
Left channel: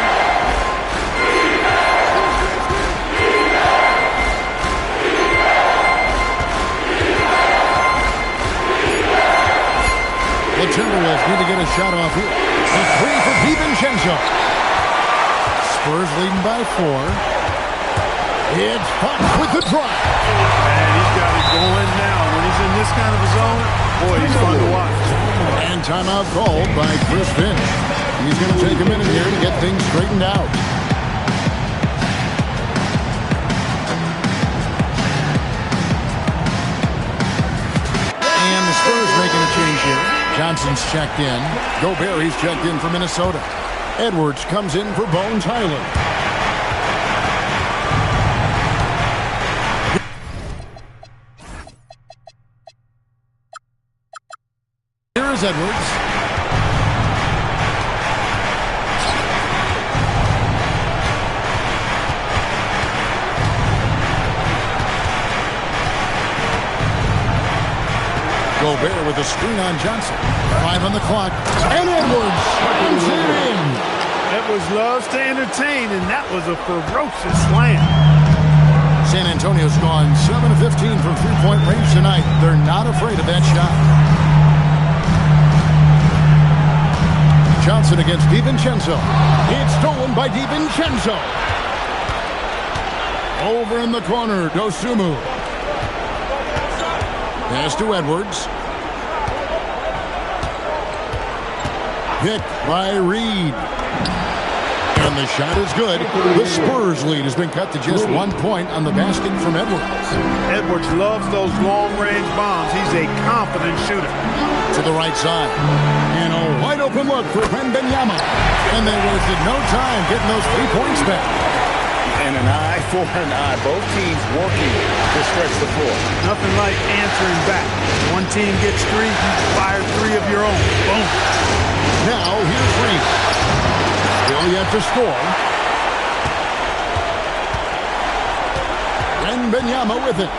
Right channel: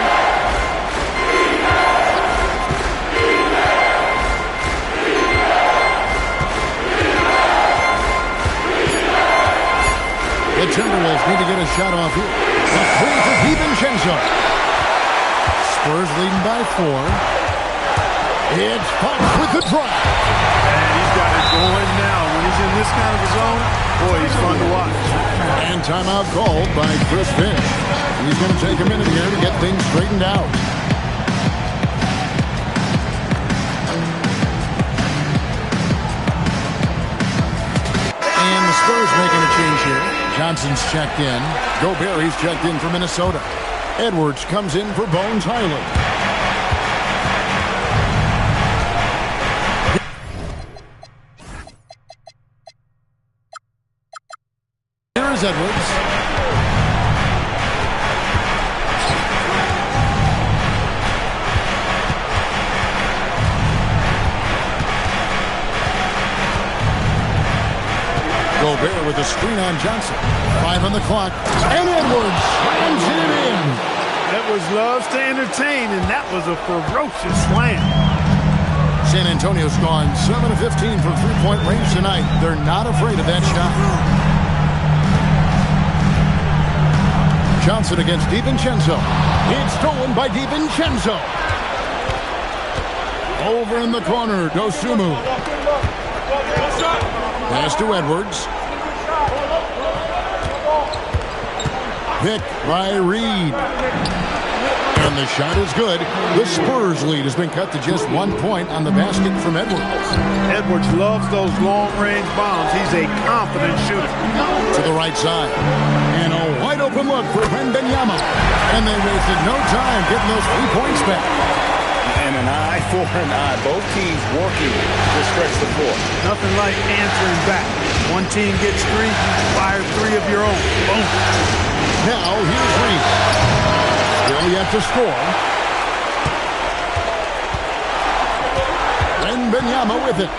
The Timberwolves need to get a shot off here. A 3 for DiVincenzo. Spurs leading by 4. It's Fox with the drive. And he's got it going now. When he's in this kind of a zone, boy, he's fun to watch. And timeout called by Chris Finch. He's going to take a minute here to get things straightened out. And the Spurs making a change here. Johnson's checked in. Gobert, he's checked in for Minnesota. Edwards comes in for Bones Highland. Here is Edwards. Gobert with a screen on Johnson. 5 on the clock. And Edwards slams it in. Edwards loves to entertain, and that was a ferocious slam. San Antonio's gone 7 of 15 from three-point range tonight. They're not afraid of that shot. Johnson against DiVincenzo. It's stolen by DiVincenzo. Over in the corner, Dosunmu. Pass to Edwards. Pick by Reed. And the shot is good. The Spurs lead has been cut to just 1 point on the basket from Edwards. Edwards loves those long-range bombs. He's a confident shooter. To the right side. And a wide-open look for Wembanyama. And they wasted no time getting those 3 points back. And an eye for an eye. Both teams working to stretch the floor. Nothing like answering back. One team gets 3, you fire 3 of your own. Boom. Now here's Reed. Still yet to score. Wembanyama with it.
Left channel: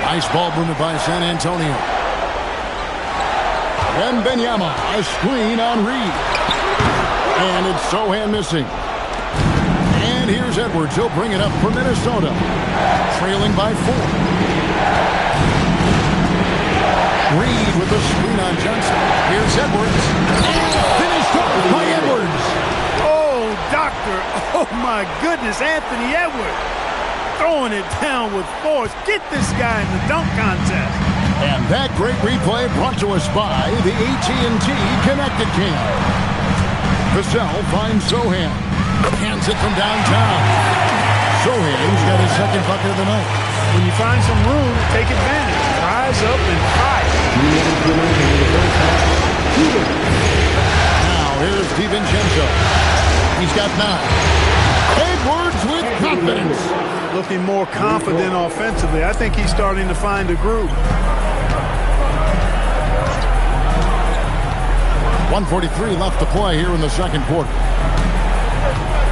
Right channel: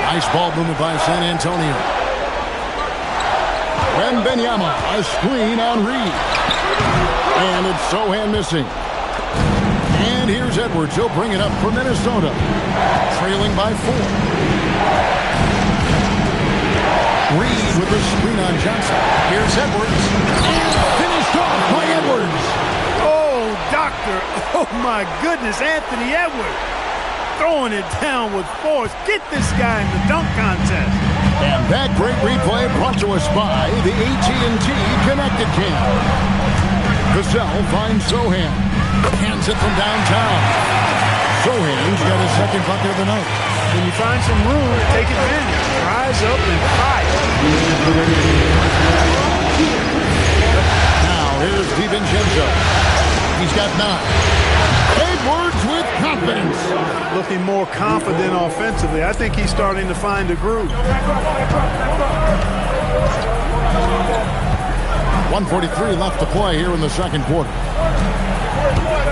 Nice ball movement by San Antonio. Wembanyama, a screen on Reed. And it's Sohan missing. And here's Edwards. He'll bring it up for Minnesota. Trailing by 4. Reed with the screen on Johnson. Here's Edwards. And finished off by Edwards. Oh, doctor. Oh, my goodness. Anthony Edwards throwing it down with force. Get this guy in the dunk contest. And that great replay brought to us by the AT&T Connected Cam. Vassell finds Sohan. Hands it from downtown. Sohan's got his second bucket of the night. When you find some room, take advantage. Rise up and fire. Now here's DiVincenzo. He's got 9. Edwards with confidence. Looking more confident offensively. I think he's starting to find a groove. 1:43 left to play here in the second quarter.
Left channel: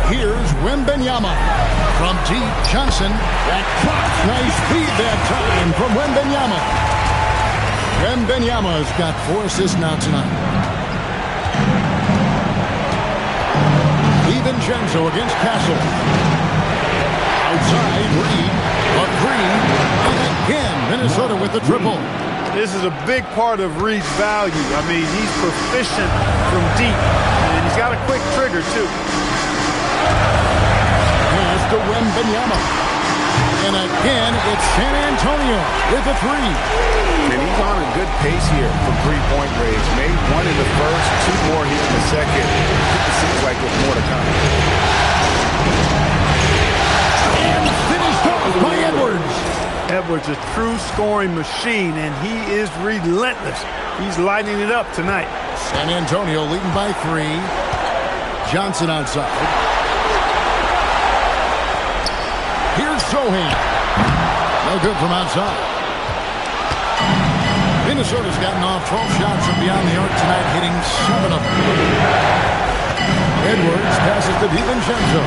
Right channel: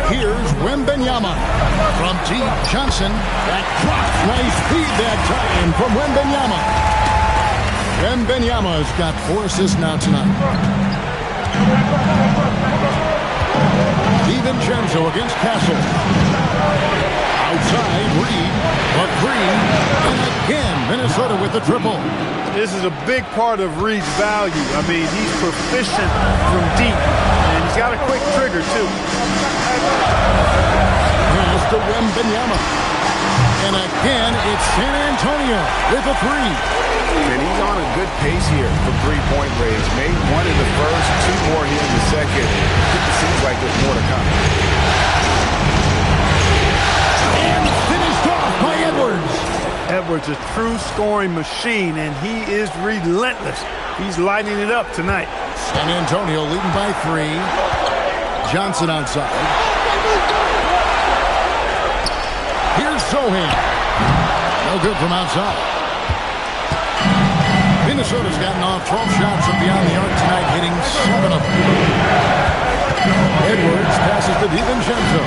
Here's Wembanyama. From deep, Johnson. That drops. Nice feed that time from Wembanyama. Wembanyama's got 4 assists now tonight. DiVincenzo against Castle. Outside, Reed. A 3. And again, Minnesota with the triple. This is a big part of Reed's value. I mean, he's proficient from deep. And he's got a quick trigger, too. Pass to Wembanyama. And again, it's San Antonio with a 3. And he's on a good pace here from three-point range. Made 1 in the first, 2 more here in the second. It seems like there's more to come. And finished off by Edwards. Edwards, a true scoring machine, and he is relentless. He's lighting it up tonight. San Antonio leading by 3. Johnson outside. Here's Sohan. No good from outside. Minnesota's gotten off 12 shots from beyond the arc tonight, hitting 7 of them. Edwards passes to DiVincenzo.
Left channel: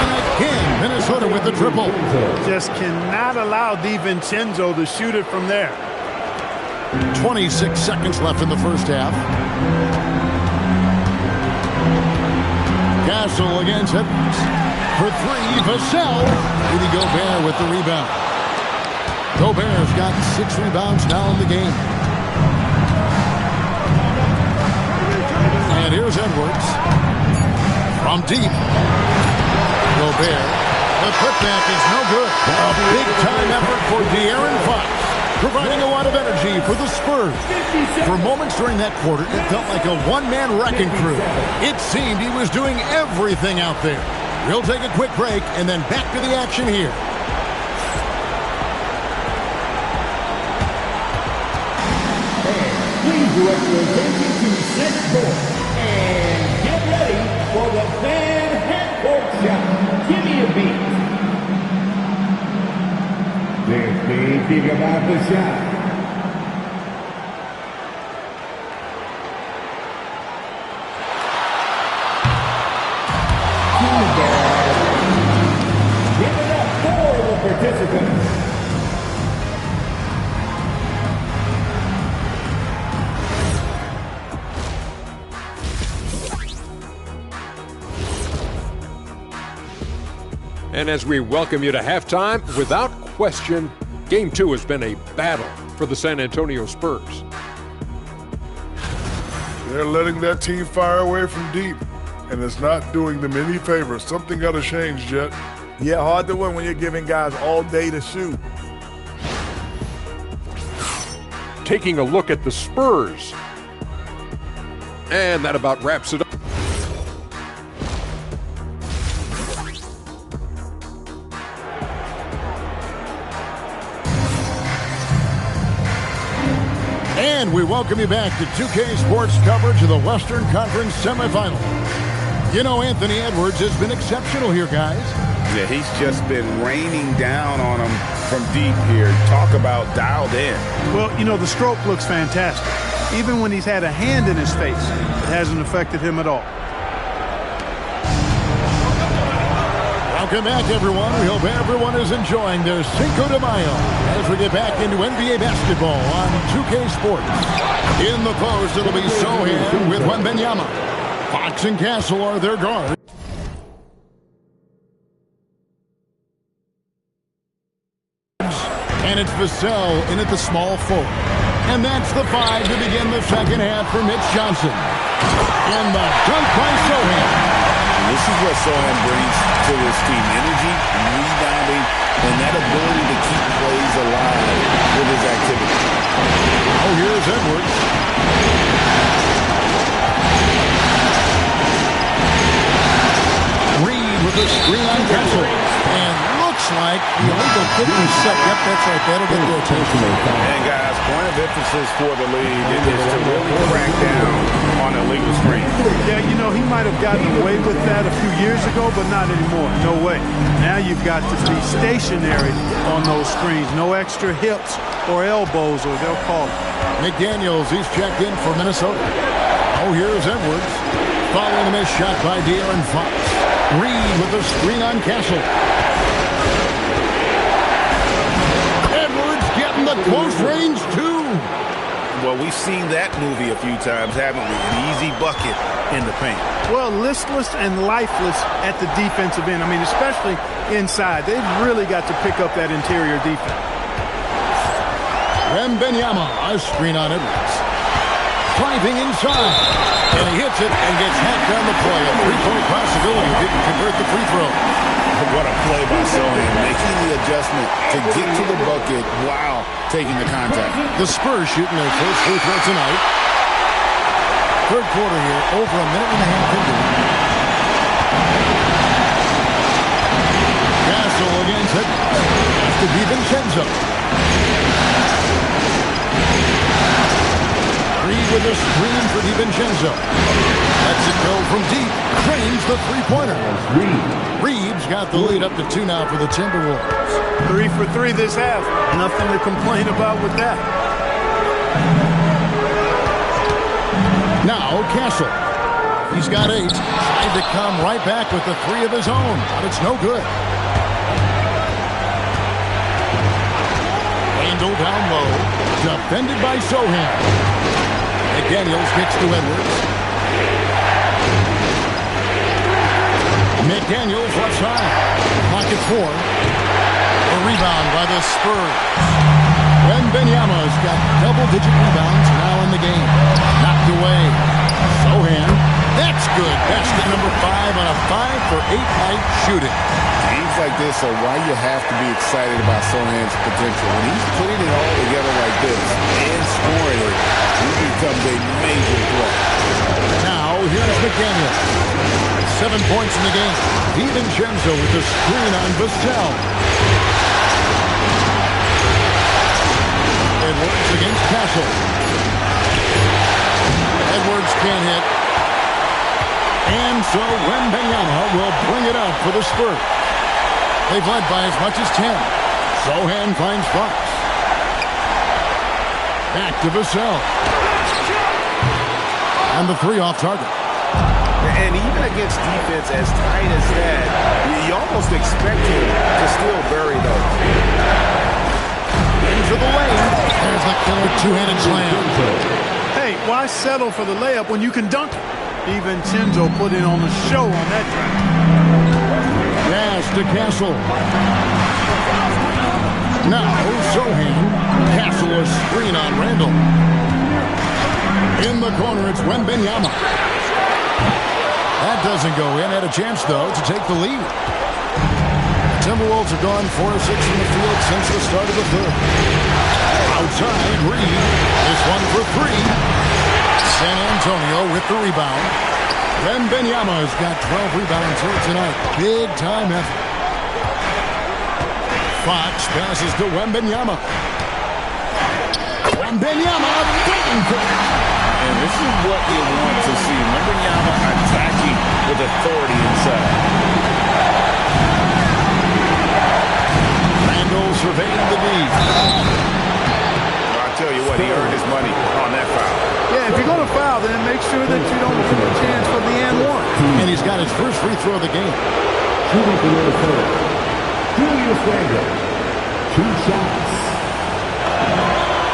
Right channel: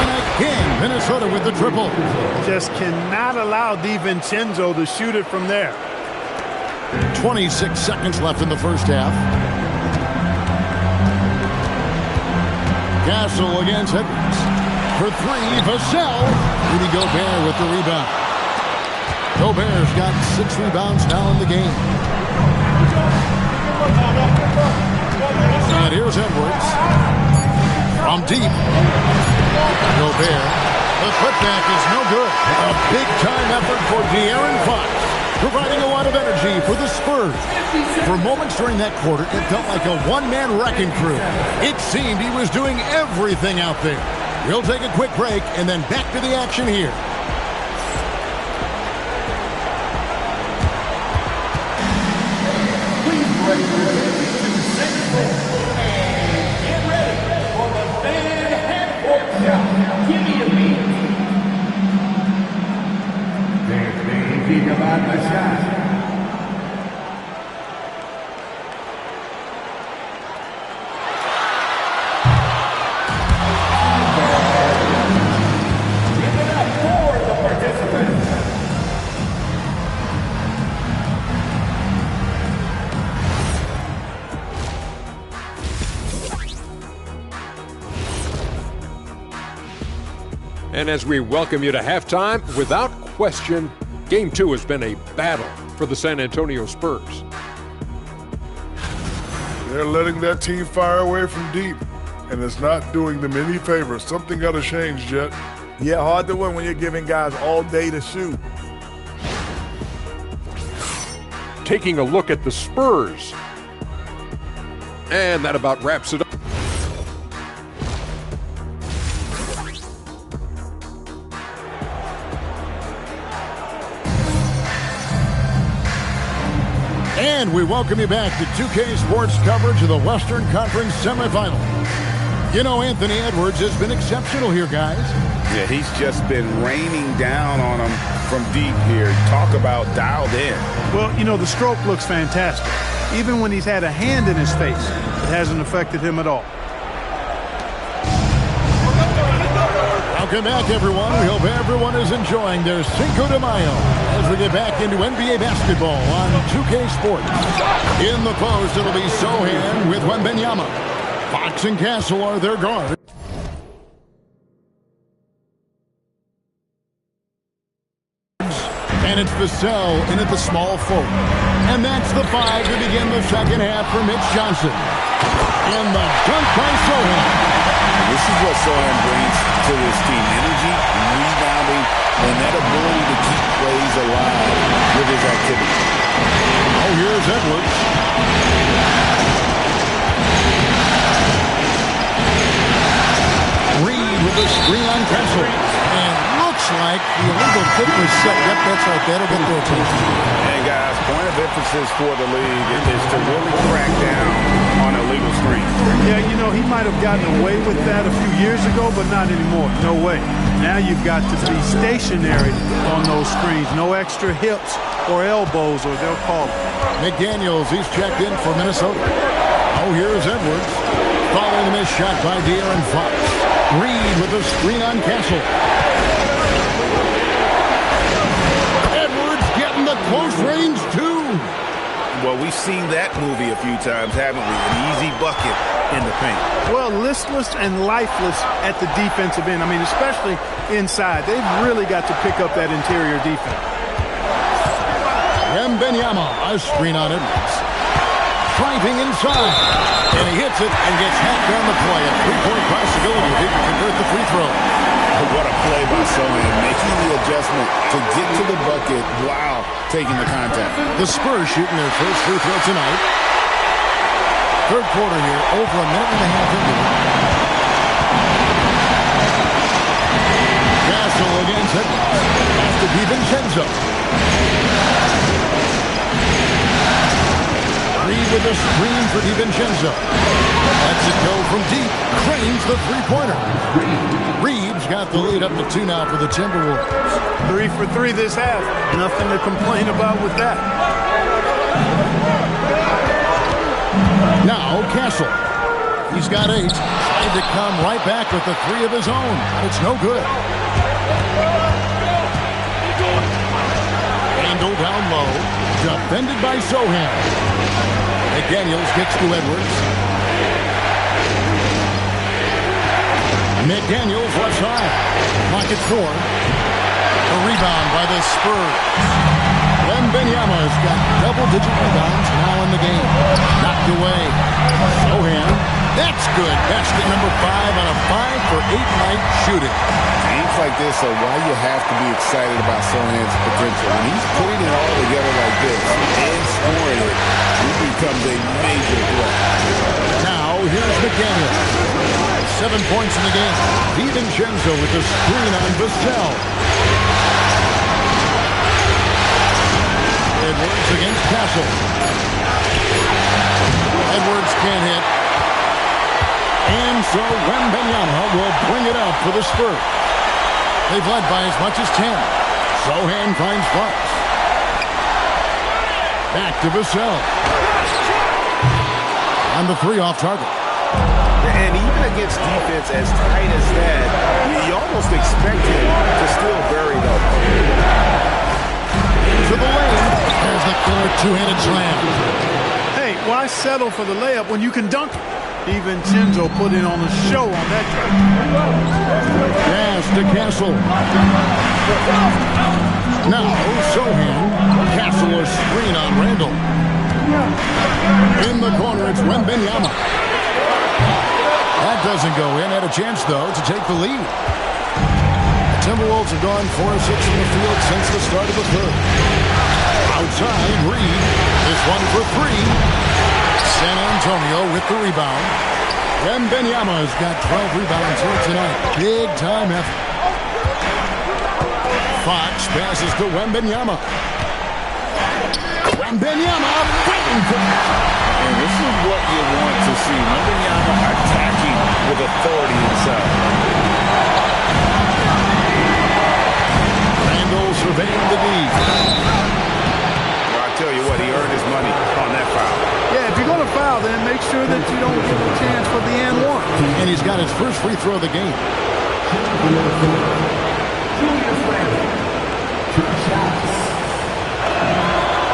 And again, Minnesota with the triple. Just cannot allow DiVincenzo to shoot it from there. 26 seconds left in the first half. Castle against Edwards. For 3, Vassell. Rudy Gobert with the rebound. Gobert's got 6 rebounds now in the game. And here's Edwards. From deep. Gobert. The putback is no good. A big-time effort for De'Aaron Fox, providing a lot of energy for the Spurs. For moments during that quarter, it felt like a one-man wrecking crew. It seemed he was doing everything out there. We'll take a quick break and then back to the action here. Direct your attention to center court and get ready for the fan half-court shot. Give me a beat. They're thinking about the shot. Give it up for the participants. And as we welcome you to halftime, without question, Game 2 has been a battle for the San Antonio Spurs. They're letting that team fire away from deep, and it's not doing them any favors. Something got to change, Jet. Yeah, hard to win when you're giving guys all day to shoot. Taking a look at the Spurs. And that about wraps it up. And we welcome you back to 2K Sports coverage of the Western Conference semifinal. You know, Anthony Edwards has been exceptional here, guys. Yeah, he's just been raining down on them from deep here. Talk about dialed in. Well, you know, the stroke looks fantastic. Even when he's had a hand in his face, it hasn't affected him at all. Welcome back, everyone. We hope everyone is enjoying their Cinco de Mayo as we get back into NBA basketball on 2K Sports. In the post, it'll be Sohan with Wembanyama. Fox and Castle are their guards. And it's Vassell in at the small forward. And that's the 5 to begin the second half for Mitch Johnson. And the dunk by Sohan. This is what Sohan brings to this team. Energy, rebounding, and that ability to keep plays alive with his activity. Oh, here's Edwards. Reed with the screen on Kessel. And looks like the illegal kick was set. Yep, that's right. That'll get their attention. And guys, point of emphasis for the league is to really crack down on illegal screens. Yeah, you know, he might have gotten away with that a few years ago, but not anymore. No way. Now you've got to be stationary on those screens. No extra hips or elbows, or they'll call it. McDaniels, he's checked in for Minnesota. Oh, here's Edwards. Following the missed shot by De'Aaron Fox. Reed with the screen on Castle. Edwards getting the close range, too. Well, we've seen that movie a few times, haven't we? An easy bucket in the paint. Well, listless and lifeless at the defensive end. I mean, especially inside. They've really got to pick up that interior defense. Wembanyama, a screen on Edwards. Driving inside. And he hits it and gets hacked on the play. A three-point possibility if he can convert the free throw. What a play by Sohan, making the adjustment to get to the bucket while taking the contact. The Spurs shooting their first free throw tonight. Third quarter here, over a minute and a half into it. Castle against Edwards. Has to DiVincenzo. Reed with a screen for DiVincenzo. Lets it go from deep. Cranes the three-pointer. Reed's got the lead up to 2 now for the Timberwolves. 3 for 3 this half. Nothing to complain about with that. Now Castle. He's got 8. Tried to come right back with the 3 of his own, but it's no good. Randall down low. Defended by Sohan. McDaniels kicks to Edwards. McDaniels left side. Clock at 4. A rebound by the Spurs. Wembanyama's got double-digit rebounds now in the game. Knocked away. Sohan. That's good. Basket number 5 on a 5 for 8 night shooting. Games like this are why you have to be excited about Sohan's potential. When he's putting it all together like this and scoring it, he becomes a major threat. Now, here's McDaniels. 7 points in the game. DiVincenzo with the screen on Vassell. Edwards against Castle. Edwards can't hit. And so Wembanyama will bring it up for the Spurs. They've led by as much as 10. Sohan finds Fox. Back to Vassell. And the 3 off target. And even against defense as tight as that, you almost expect him to still bury those. Into the lane. There's the killer two-handed slam. Hey, why settle for the layup when you can dunk it? DiVincenzo put in on a show on that drive. Pass to Castle. Now, Sohan. Castle a screen on Randall. In the corner, it's Wembanyama. That doesn't go in. Had a chance, though, to take the lead. The Timberwolves have gone 4 of 6 in the field since the start of the third. Outside, Reed. This one for 3. San Antonio with the rebound. Wembanyama's got 12 rebounds here tonight. Big-time effort. Fox passes to Wembanyama. Wembanyama fighting for it. And this is what you want to see. Wembanyama attacking with authority inside. Randle surveying the D. I tell you what, he earned his money on that foul. Yeah, if you're going to foul, then make sure that you don't give a chance for the and one. And he's got his first free throw of the game. Julius Randle, 2 shots.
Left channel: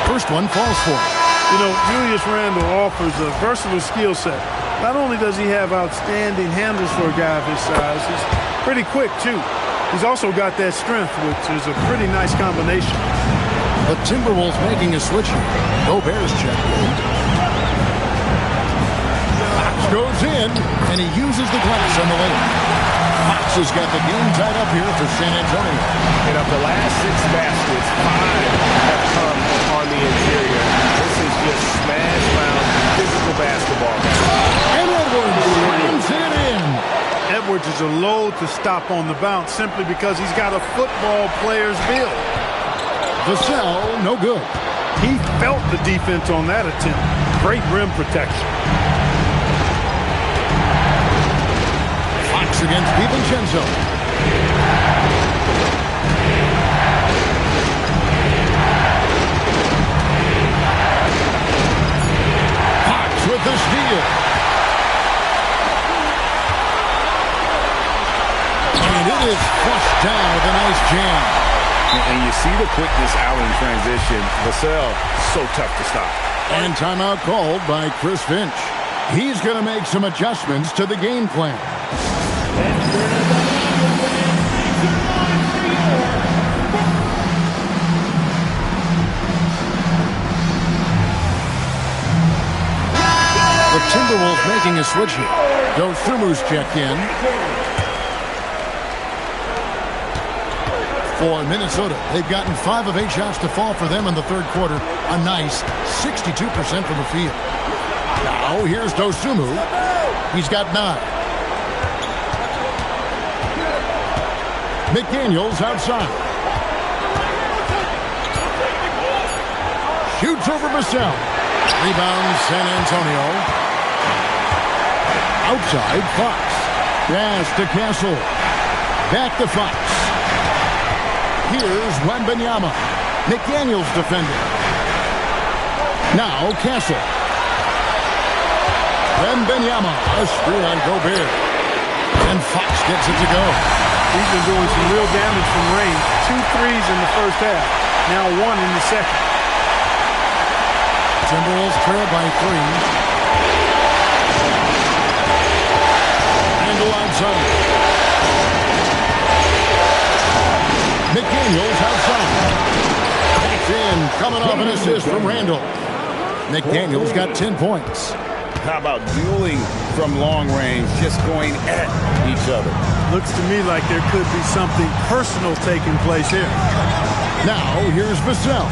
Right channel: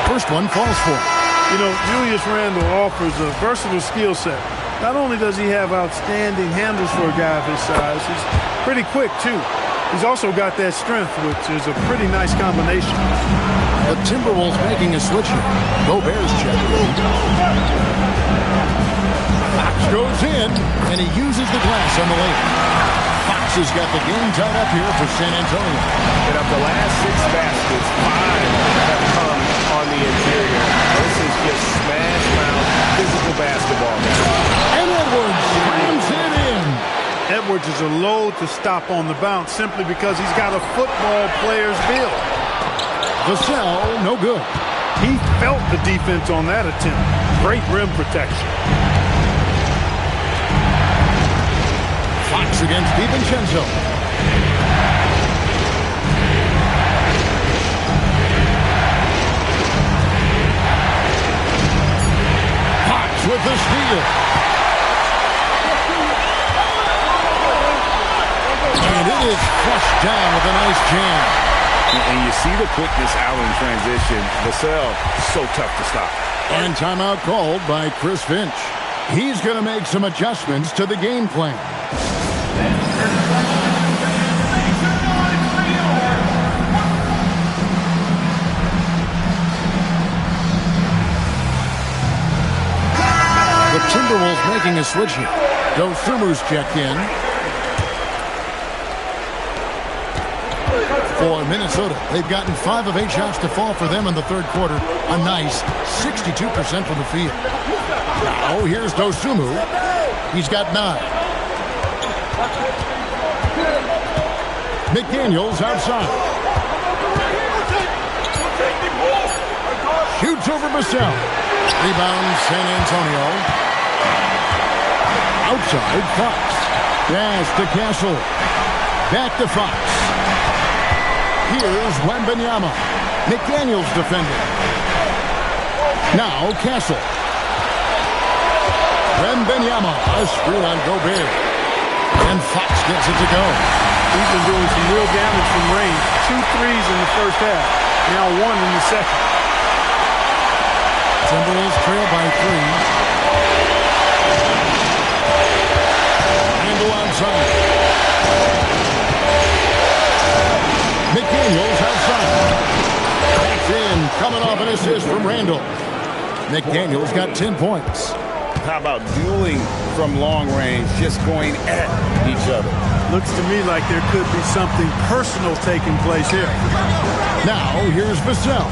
First one falls for him. You know, Julius Randle offers a versatile skill set. Not only does he have outstanding handles for a guy of his size, he's pretty quick, too. He's also got that strength, which is a pretty nice combination. The Timberwolves making a switch here. Gobert's check in. Fox goes in, and he uses the glass on the lane. Fox has got the game tied up here for San Antonio. And of the last 6 baskets, 5 have come on the interior. This is just smash-mouth physical basketball, guys. And Edwards slams it in. Edwards is a load to stop on the bounce simply because he's got a football player's build. Vassell, no good. He felt the defense on that attempt. Great rim protection. Fox against DiVincenzo. Fox with the steal. And it is flushed down with a nice jam. And you see the quickness out in transition. Vassell, so tough to stop. And timeout called by Chris Finch. He's going to make some adjustments to the game plan. The Timberwolves making a switch here. Dosumu's checked in. For Minnesota, they've gotten 5 of 8 shots to fall for them in the third quarter. A nice 62% from the field. Now, here's Dosumu. He's got 9. McDaniels outside. Shoots over Vassell. Rebound San Antonio. Outside, Fox. Pass to Castle. Back to Fox. Here's Wembanyama. McDaniels defending. Now Castle. Wembanyama, a screen on Gobert. And Fox gets it to go. He's been doing some real damage from range. 2 threes in the first half. Now 1 in the second. Timberwolves trail by 3. Randle outside. McDaniels outside. Back in, coming off an assist from Randle. McDaniels got 10 points. How about dueling from long range, just going at each other? Looks to me like there could be something personal taking place here. Now, here's Vassell.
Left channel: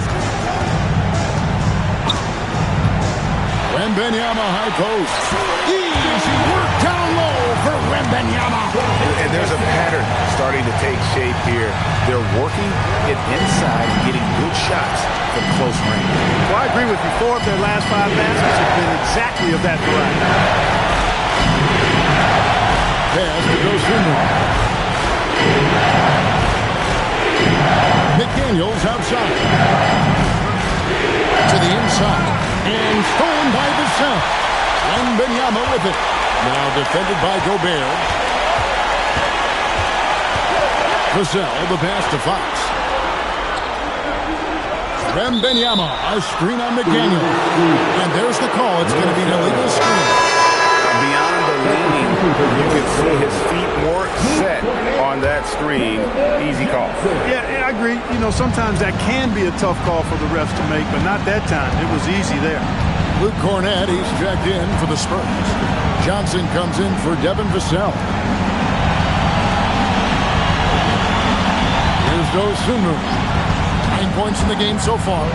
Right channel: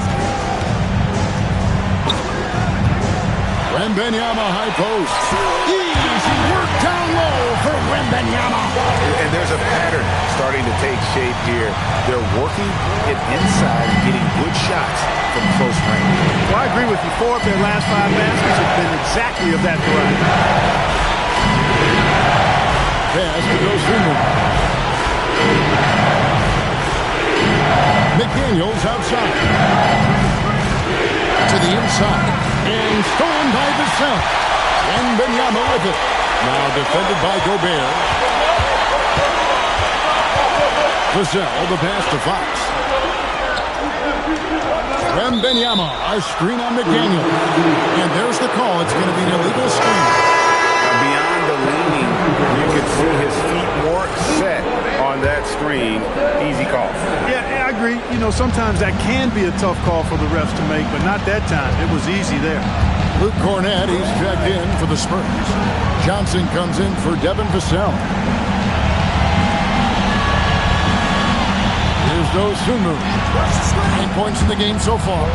Wembanyama high post. Easy work down low for Wembanyama. And there's a pattern starting to take shape here. They're working it inside and getting good shots from close range. Well, I agree with you. 4 of their last 5 baskets have been exactly of that variety. Pass to Dosunmu. McDaniels outside. To the inside. And stolen by Vassell. Wembanyama with it. Now defended by Gobert. Vassell, the pass to Fox. Wembanyama, a screen on McDaniel. And there's the call. It's going to be an illegal screen. Beyond the leaning, you could see his feet more set on that screen. Easy call. Yeah, I agree. You know, sometimes that can be a tough call for the refs to make, but not that time. It was easy there. Luke Cornett, he's checked in for the Spurs. Johnson comes in for Devin Vassell. Here's Dosunmu. 9 points in the game so far.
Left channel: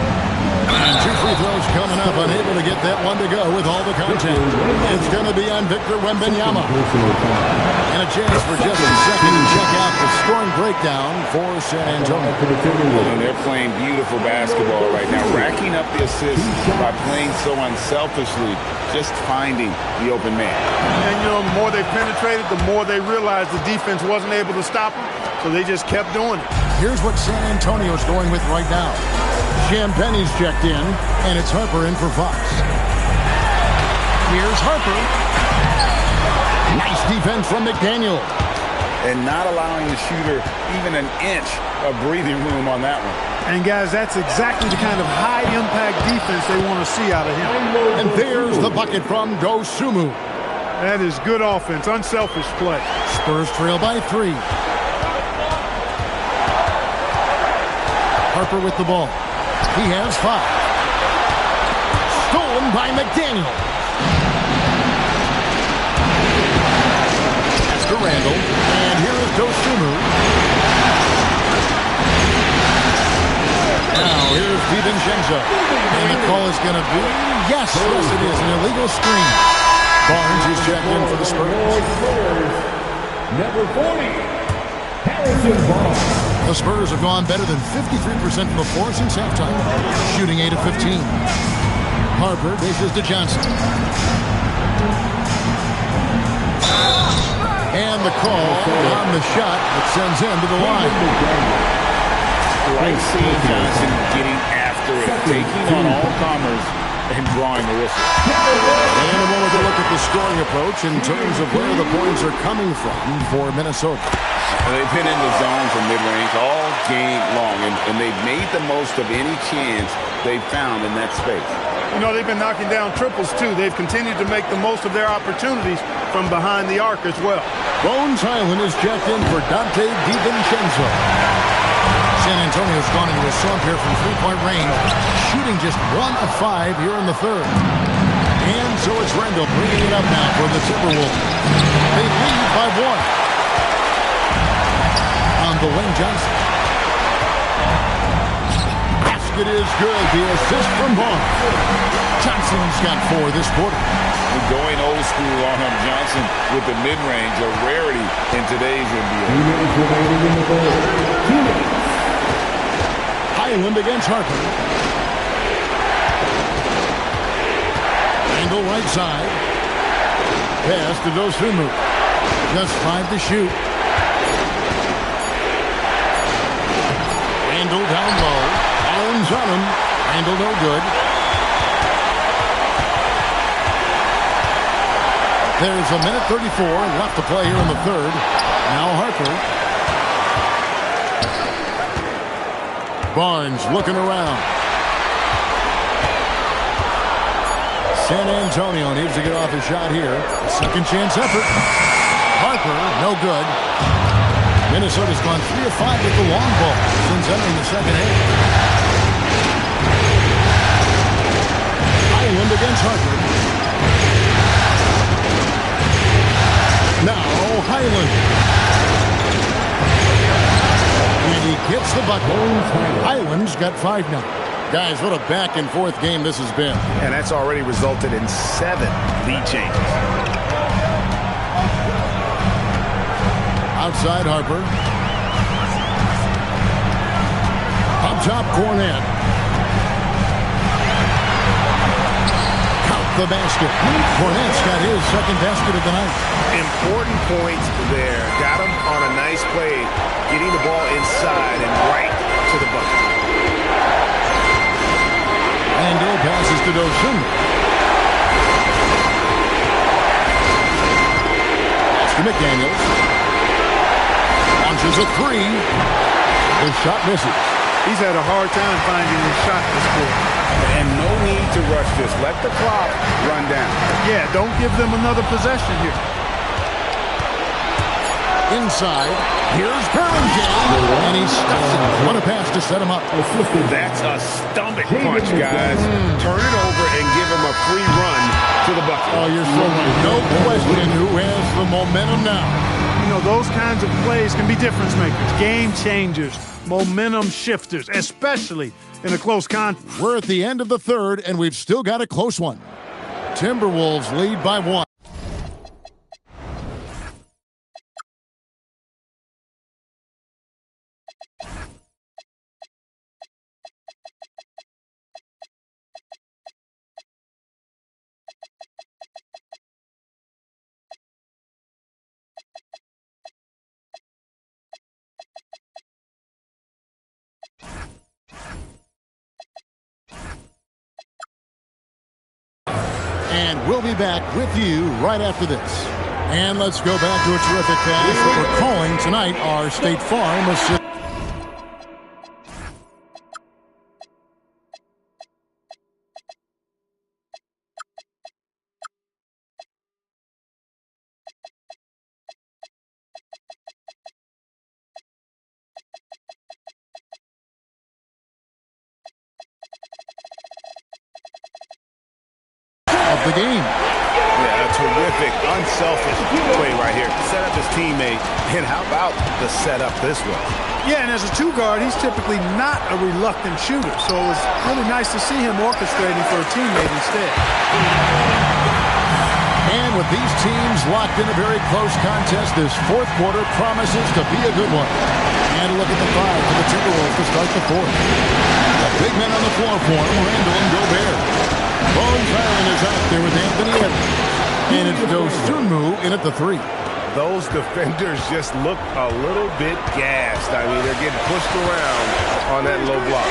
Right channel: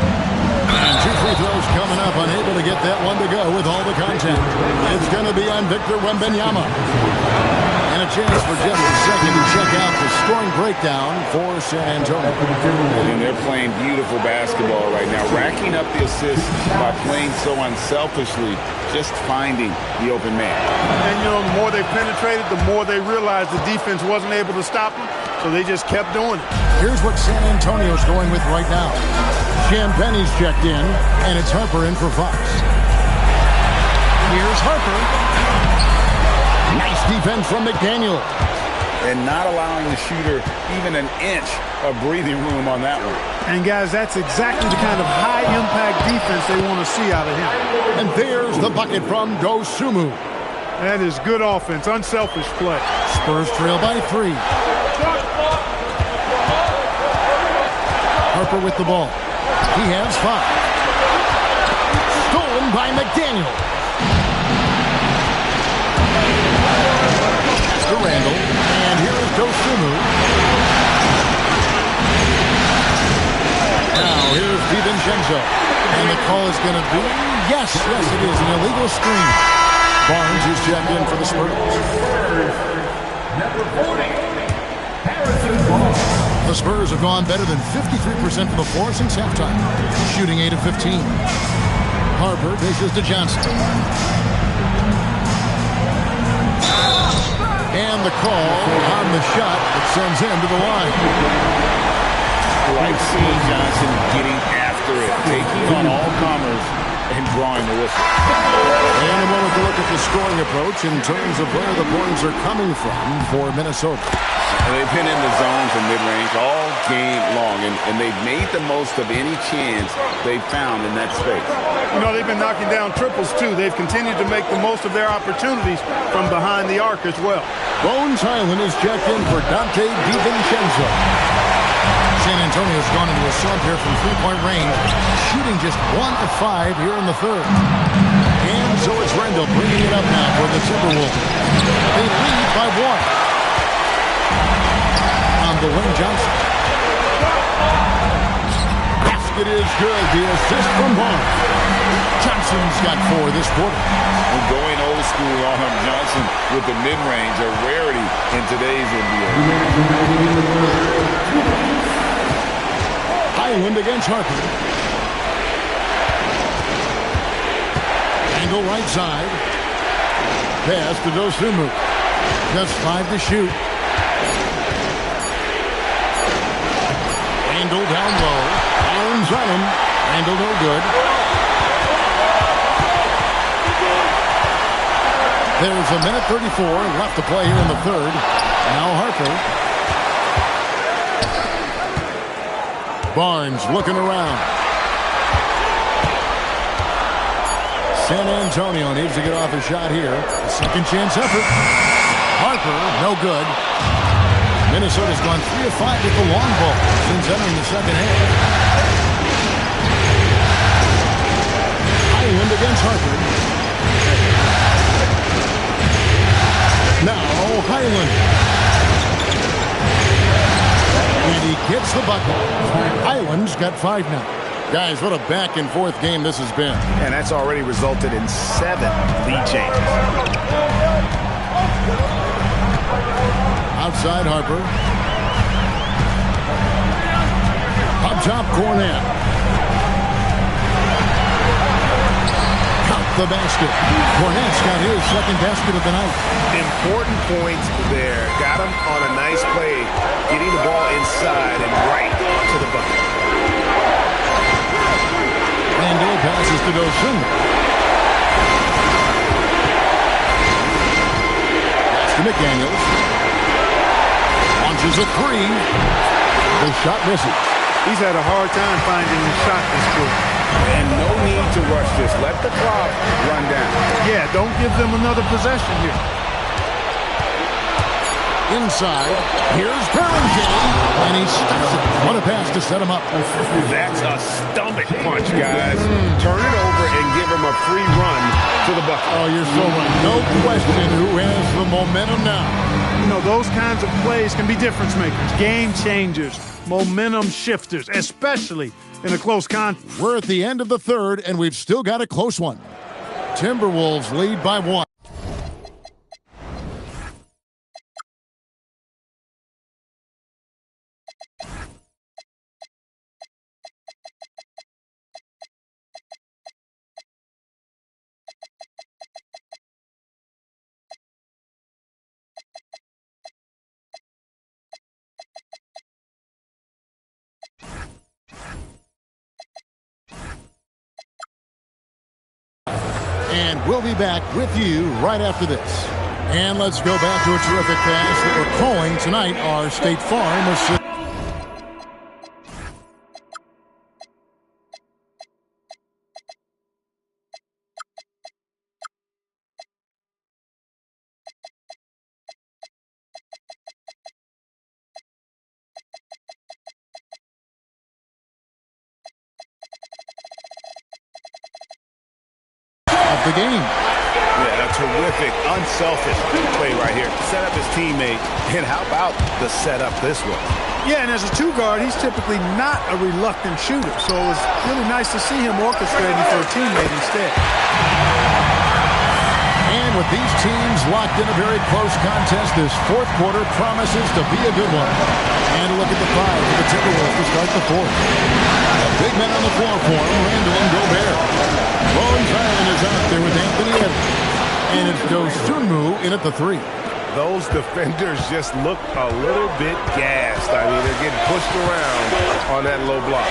And 2 free throws coming up. Unable to get that one to go with all the contact. It's going to be on Victor Wembanyama. And a chance for just a second to check out the scoring breakdown for San Antonio. And they're playing beautiful basketball right now. Racking up the assists by playing so unselfishly. Just finding the open man. And, you know, the more they penetrated, the more they realized the defense wasn't able to stop them. So they just kept doing it. Here's what San Antonio's going with right now. Champagne's checked in, and it's Harper in for Fox. Here's Harper. Nice defense from McDaniel. And not allowing the shooter even an inch of breathing room on that one. And, guys, that's exactly the kind of high-impact defense they want to see out of him. And there's the bucket from Dosunmu. That is good offense, unselfish play. Spurs trail by 3. Harper with the ball. He has 5. Stolen by McDaniel. Pass to Randall. And here is Dosunmu. Now here's DiVincenzo. And the call is going to be, yes, it is, an illegal screen. Barnes is checked in for the Spurs. Number 40, Harrison Barnes. The Spurs have gone better than 53% from the floor since halftime, shooting 8 of 15. Harper dishes to Johnson. And the call on the shot that sends him to the line. Like seeing Johnson getting after it, taking on all comers and drawing the whistle. And a moment to look at the scoring approach in terms of where the points are coming from for Minnesota. They've been in the zone from mid-range all game long, and they've made the most of any chance they've found in that space. You know, they've been knocking down triples, too. They've continued to make the most of their opportunities from behind the arc as well. Bones Highland is checked in for Dante DiVincenzo. San Antonio's gone into a slump here from three-point range, shooting just 1 of 5 here in the third. And so it's Randall bringing it up now for the Timberwolves. They lead by 1. On the wing, Johnson. Basket is good. The assist from Barnes. Johnson's got 4 this quarter. We're going old school on him, Johnson, with the mid-range, a rarity in today's NBA. Highland against Harper. Randall right side. Pass to Dosunmu. Just 5 to shoot. Randall down low. Barnes on him. Randall no good. There's a minute 34 left to play here in the third. Now Harper. Barnes looking around. San Antonio needs to get off a shot here. A second chance effort. Harper, no good. Minnesota's gone 3 of 5 with the long ball since entering the second half. Highland against Harper. Now Highland. And he gets the bucket. Highland's got 5 now. Guys, what a back-and-forth game this has been. And that's already resulted in 7 lead changes. Outside Harper. Up top, Cornet. Count the basket. Cornet's got his second basket of the night. Important points there. Got him on a nice play, getting the ball inside and right to the bucket. Randall passes to Dosunmu. Pass to McDaniels. Launches a 3. The shot misses. He's had a hard time finding his shot this quarter. And no need to rush this. Let the clock run down. Yeah, don't give them another possession here. Inside, here's Bellinger, and he stuffs it. What a pass to set him up. That's a stomach punch, guys. Turn it over and give him a free run to the bucket. Oh, you're so right. No question who has the momentum now. You know, those kinds of plays can be difference makers, game changers, momentum shifters, especially in a close contest. We're at the end of the third, and we've still got a close one. Timberwolves lead by 1. And we'll be back with you right after this. And let's go back to a terrific pass that we're calling tonight our State Farm assist. Of the game. Yeah, a terrific, unselfish play right here. Set up his teammate, and how about the setup this was? Yeah, and as a two-guard, he's typically not a reluctant shooter, so it was really nice to see him orchestrating for a teammate instead. And with these teams locked in a very close contest, this fourth quarter promises to be a good one. And a look at the five for the Timberwolves to start the fourth. The big men on the floor for him, Randall and Gobert. Bones Island is out there with Anthony Edwards. And it's Dosunmu in at the three. Those defenders just look a little bit gassed. I mean, they're getting pushed around on that low block.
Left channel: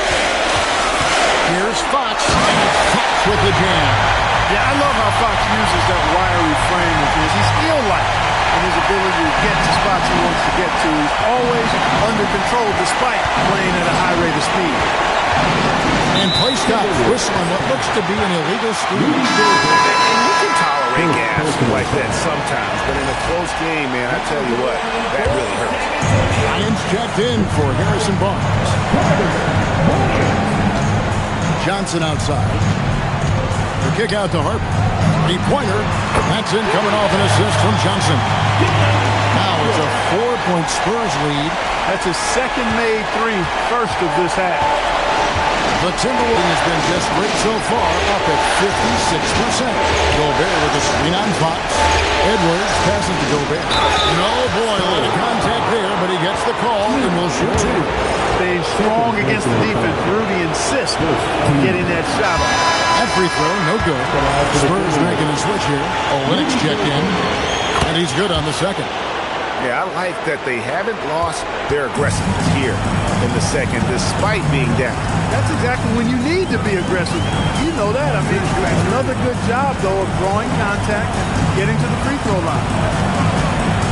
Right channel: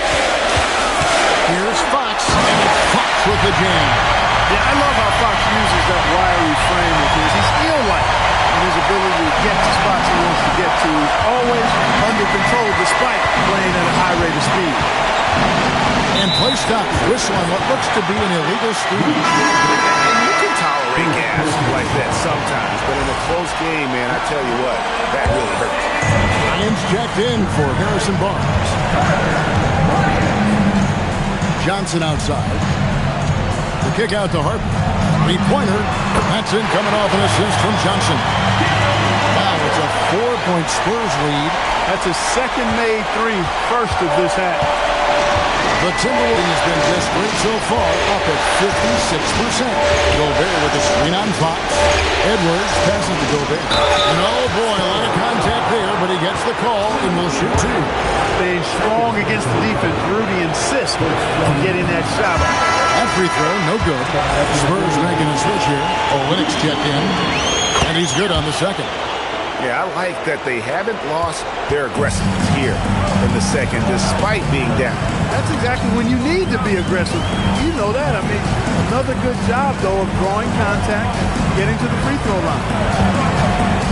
Here's Fox, and it's Fox with the jam. Yeah, I love how Fox uses that wiry frame of his. He's eel-like in his ability to get to spots he wants to get to. He's always under control despite playing at a high rate of speed. And play stops. Whistle on what looks to be an illegal screen. And you can tolerate gas like that sometimes, but in a close game, man, I tell you what, that really hurts. Lions checked in for Harrison Barnes. Johnson outside. The kick out to Harper. Three-pointer. That's in, coming off an assist from Johnson. Now it's a 4-point Spurs lead. That's his second made three, first of this half. The Timberwolves has been just great so far, up at 56%. Gobert with the screen on Fox. Edwards passes to Gobert. And oh boy, a lot of contact there, but he gets the call and will shoot two. Staying strong against the defense. Rudy insists on getting that shot off. That free throw, no good. Spurs making a switch here. Olynyk's checked in, and he's good on the second. Yeah, I like that they haven't lost their aggressiveness here in the second, despite being down. That's exactly when you need to be aggressive. You know that. I mean, another good job, though, of drawing contact and getting to the free throw line.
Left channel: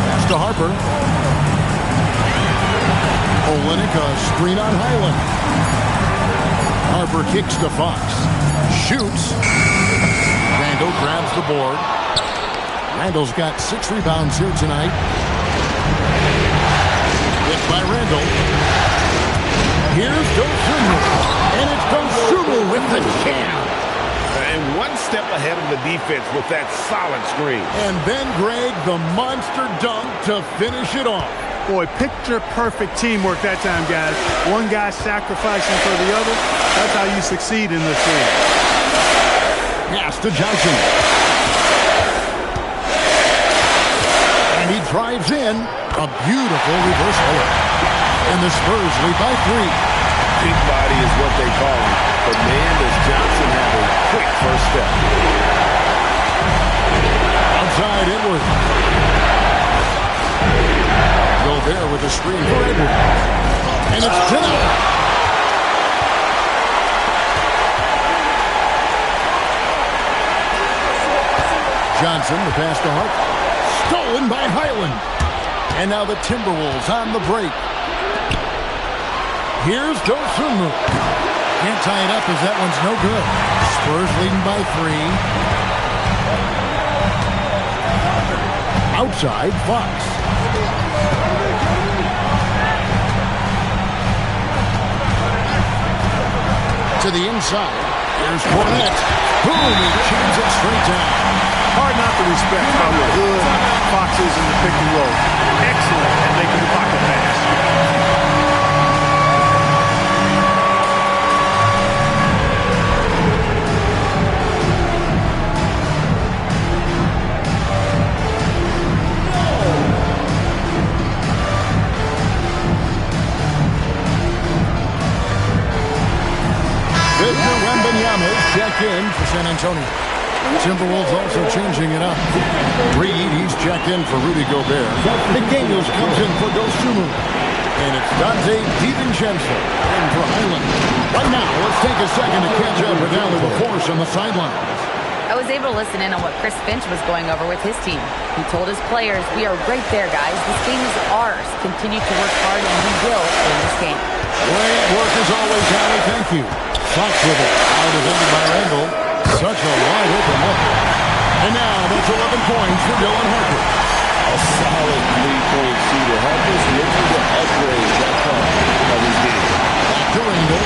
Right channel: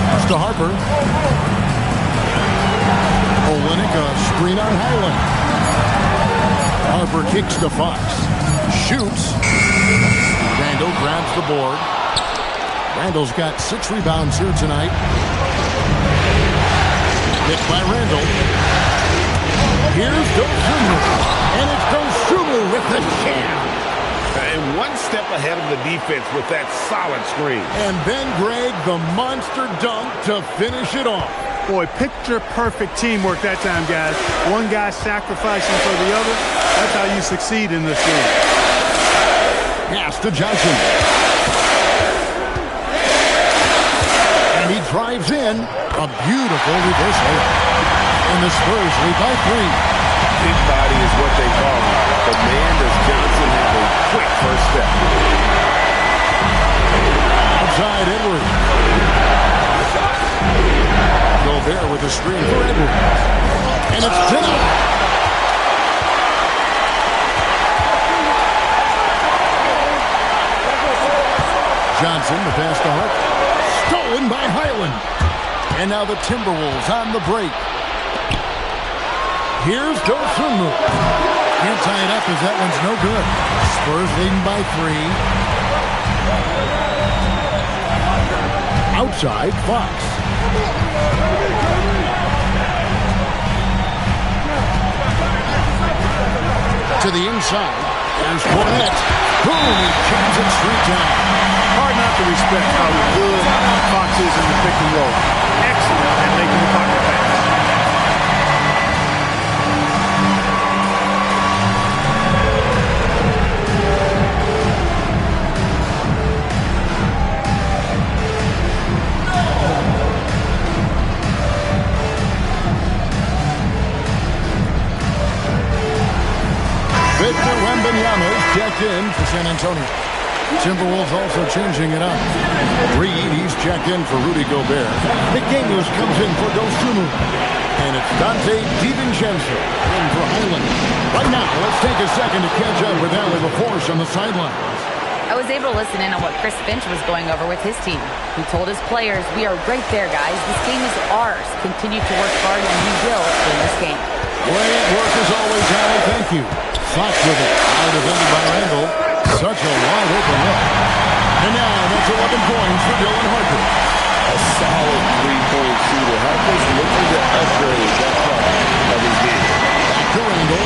Pass to Harper. Olynyk, a screen on Highland. Harper kicks to Fox. Shoots. Randall grabs the board. Randall's got 6 rebounds here tonight. Hit by Randall. Here's Dosunmu. And it's Dosunmu with the jam. And one step ahead of the defense with that solid screen. And then Greg, the monster dunk to finish it off. Boy, picture-perfect teamwork that time, guys. One guy sacrificing for the other. That's how you succeed in this league. Pass to Johnson. And he drives in. A beautiful reverse layup. And the Spurs lead by 3. Big body is what they call him. But man, does Johnson have a quick first step. Outside Edwards. Gobert with a screen for Edwards. And it's denied. Johnson, the pass to Hart. Stolen by Highland. And now the Timberwolves on the break. Here's Dosunmu. Can't tie it up as that one's no good. Spurs leading by 3. Outside, Fox. To the inside. There's Fournette. Boom, he jams it straight down. Hard not to respect how good Fox is in the pick and roll. Excellent at making the pocket pass. Victor Wembanyama is checked in for San Antonio. Timberwolves also changing it up. Reed, he's checked in for Rudy Gobert. McDaniels comes in for Dosunmu. And it's Dante DiVincenzo in for Highland. Right now, let's take a second to catch up with Allie LaForce on the sidelines. I was able to listen in on what Chris Finch was going over with his team. He told his players, "We are right there, guys. This game is ours. Continue to work hard, and we will win this game." Great work as always, Allie. Thank you. Fox with it. Out defended by Randall. Such a wide open look. And now that's 11 points for Dylan Harper. A solid three-point shooter. Harper's looking to upgrade that part of his game. Back to Randall.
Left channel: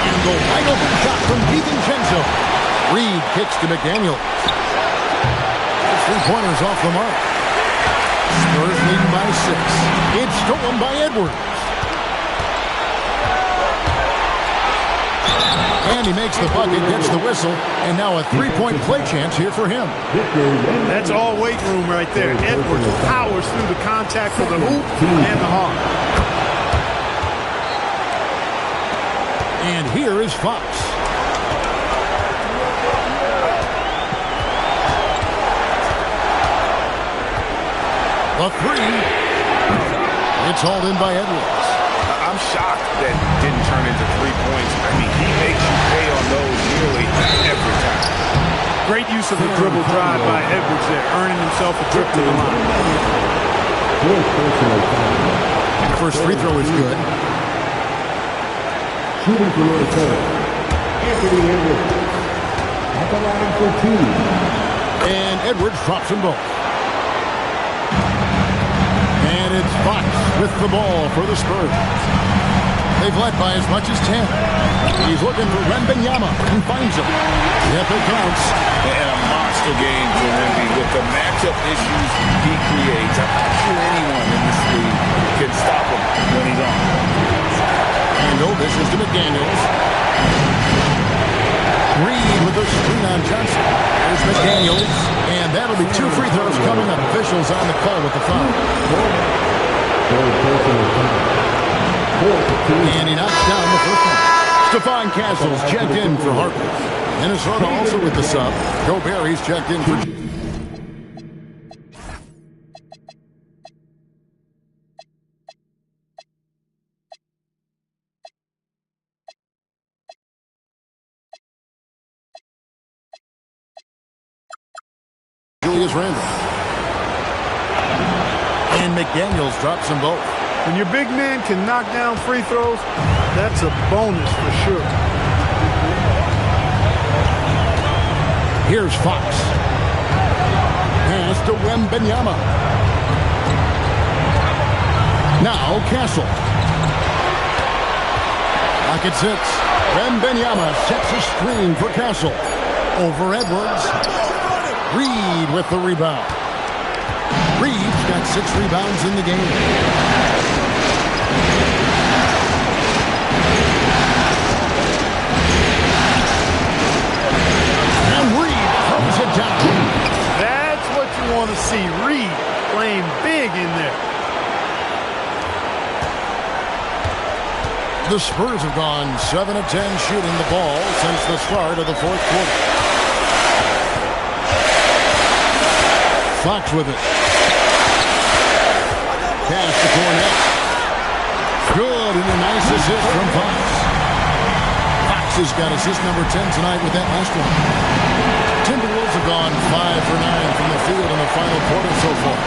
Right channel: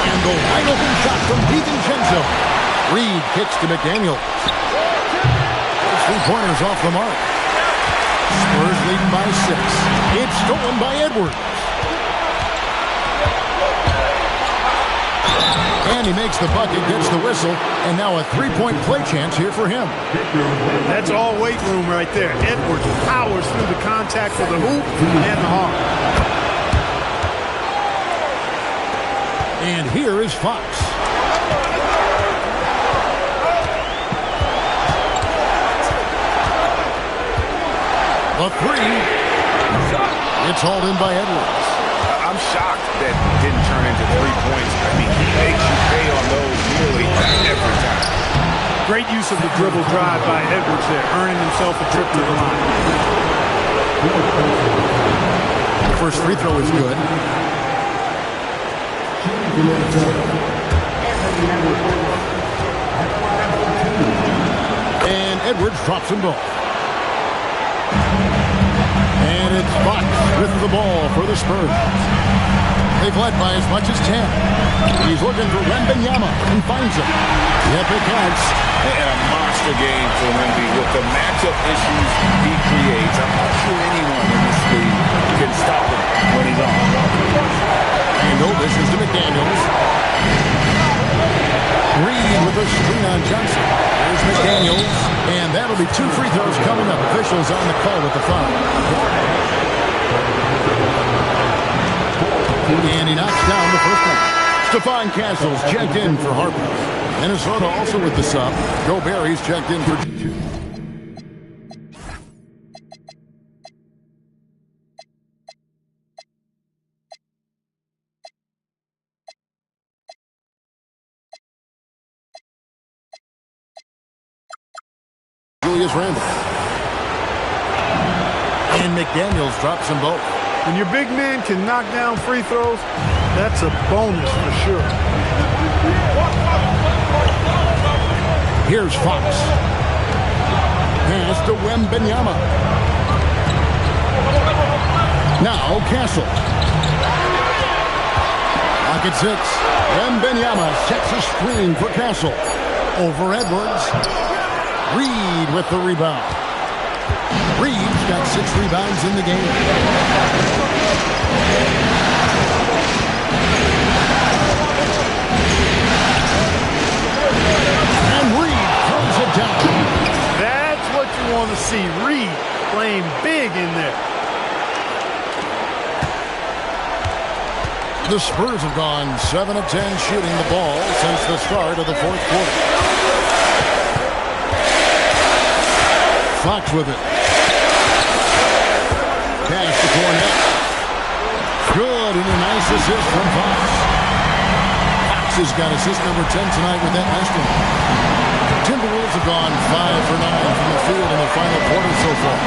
And the wide open shot from DiVincenzo. Reed kicks to McDaniels. Those three-pointers off the mark. Spurs leading by 6. It's stolen by Edwards. And he makes the bucket, gets the whistle, and now a three-point play chance here for him. That's all weight room right there. Edwards powers through the contact for the hoop and the hawk. And here is Fox. The three. It's hauled in by Edwards. I'm shocked that didn't turn into 3 points. I mean, he makes you pay on those nearly every time. Great use of the dribble drive by Edwards there, earning himself a trip to the line. The first free throw is good. Shooting from the point, Anthony Edwards. At the line for 2. And Edwards drops them both. And it's Fox with the ball for the Spurs. They've led by as much as 10. He's looking for Wembanyama and finds him. Yep, it counts. And a monster game for Wemby with the matchup issues he creates. I'm not sure anyone in this league can stop him when he's on. And this is to McDaniels. Reed with a screen on Johnson. There's McDaniels. And that'll be 2 free throws coming up. Officials on the call with the foul. And he knocks down the first one. Stephon Castle's checked in for Harper. Minnesota also with the sub. Gobert, he's checked in for... Julius Randle. And McDaniels drops them both. When your big man can knock down free throws, that's a bonus for sure. Here's Fox. Pass to Wembanyama. Now Castle. Clock at 6. Wembanyama sets a screen for Castle. Over Edwards. Reed with the rebound. Reed's got 6 rebounds in the game. And Reed throws it down. That's what you want to see. Reed playing big in there. The Spurs have gone 7 of 10 shooting the ball since the start of the fourth quarter. Fox with it. Pass to Cornette. Good, and a nice assist from Fox. Fox has got assist number 10 tonight with that last one. Timberwolves have gone 5 for 9 from the field in the final quarter so far.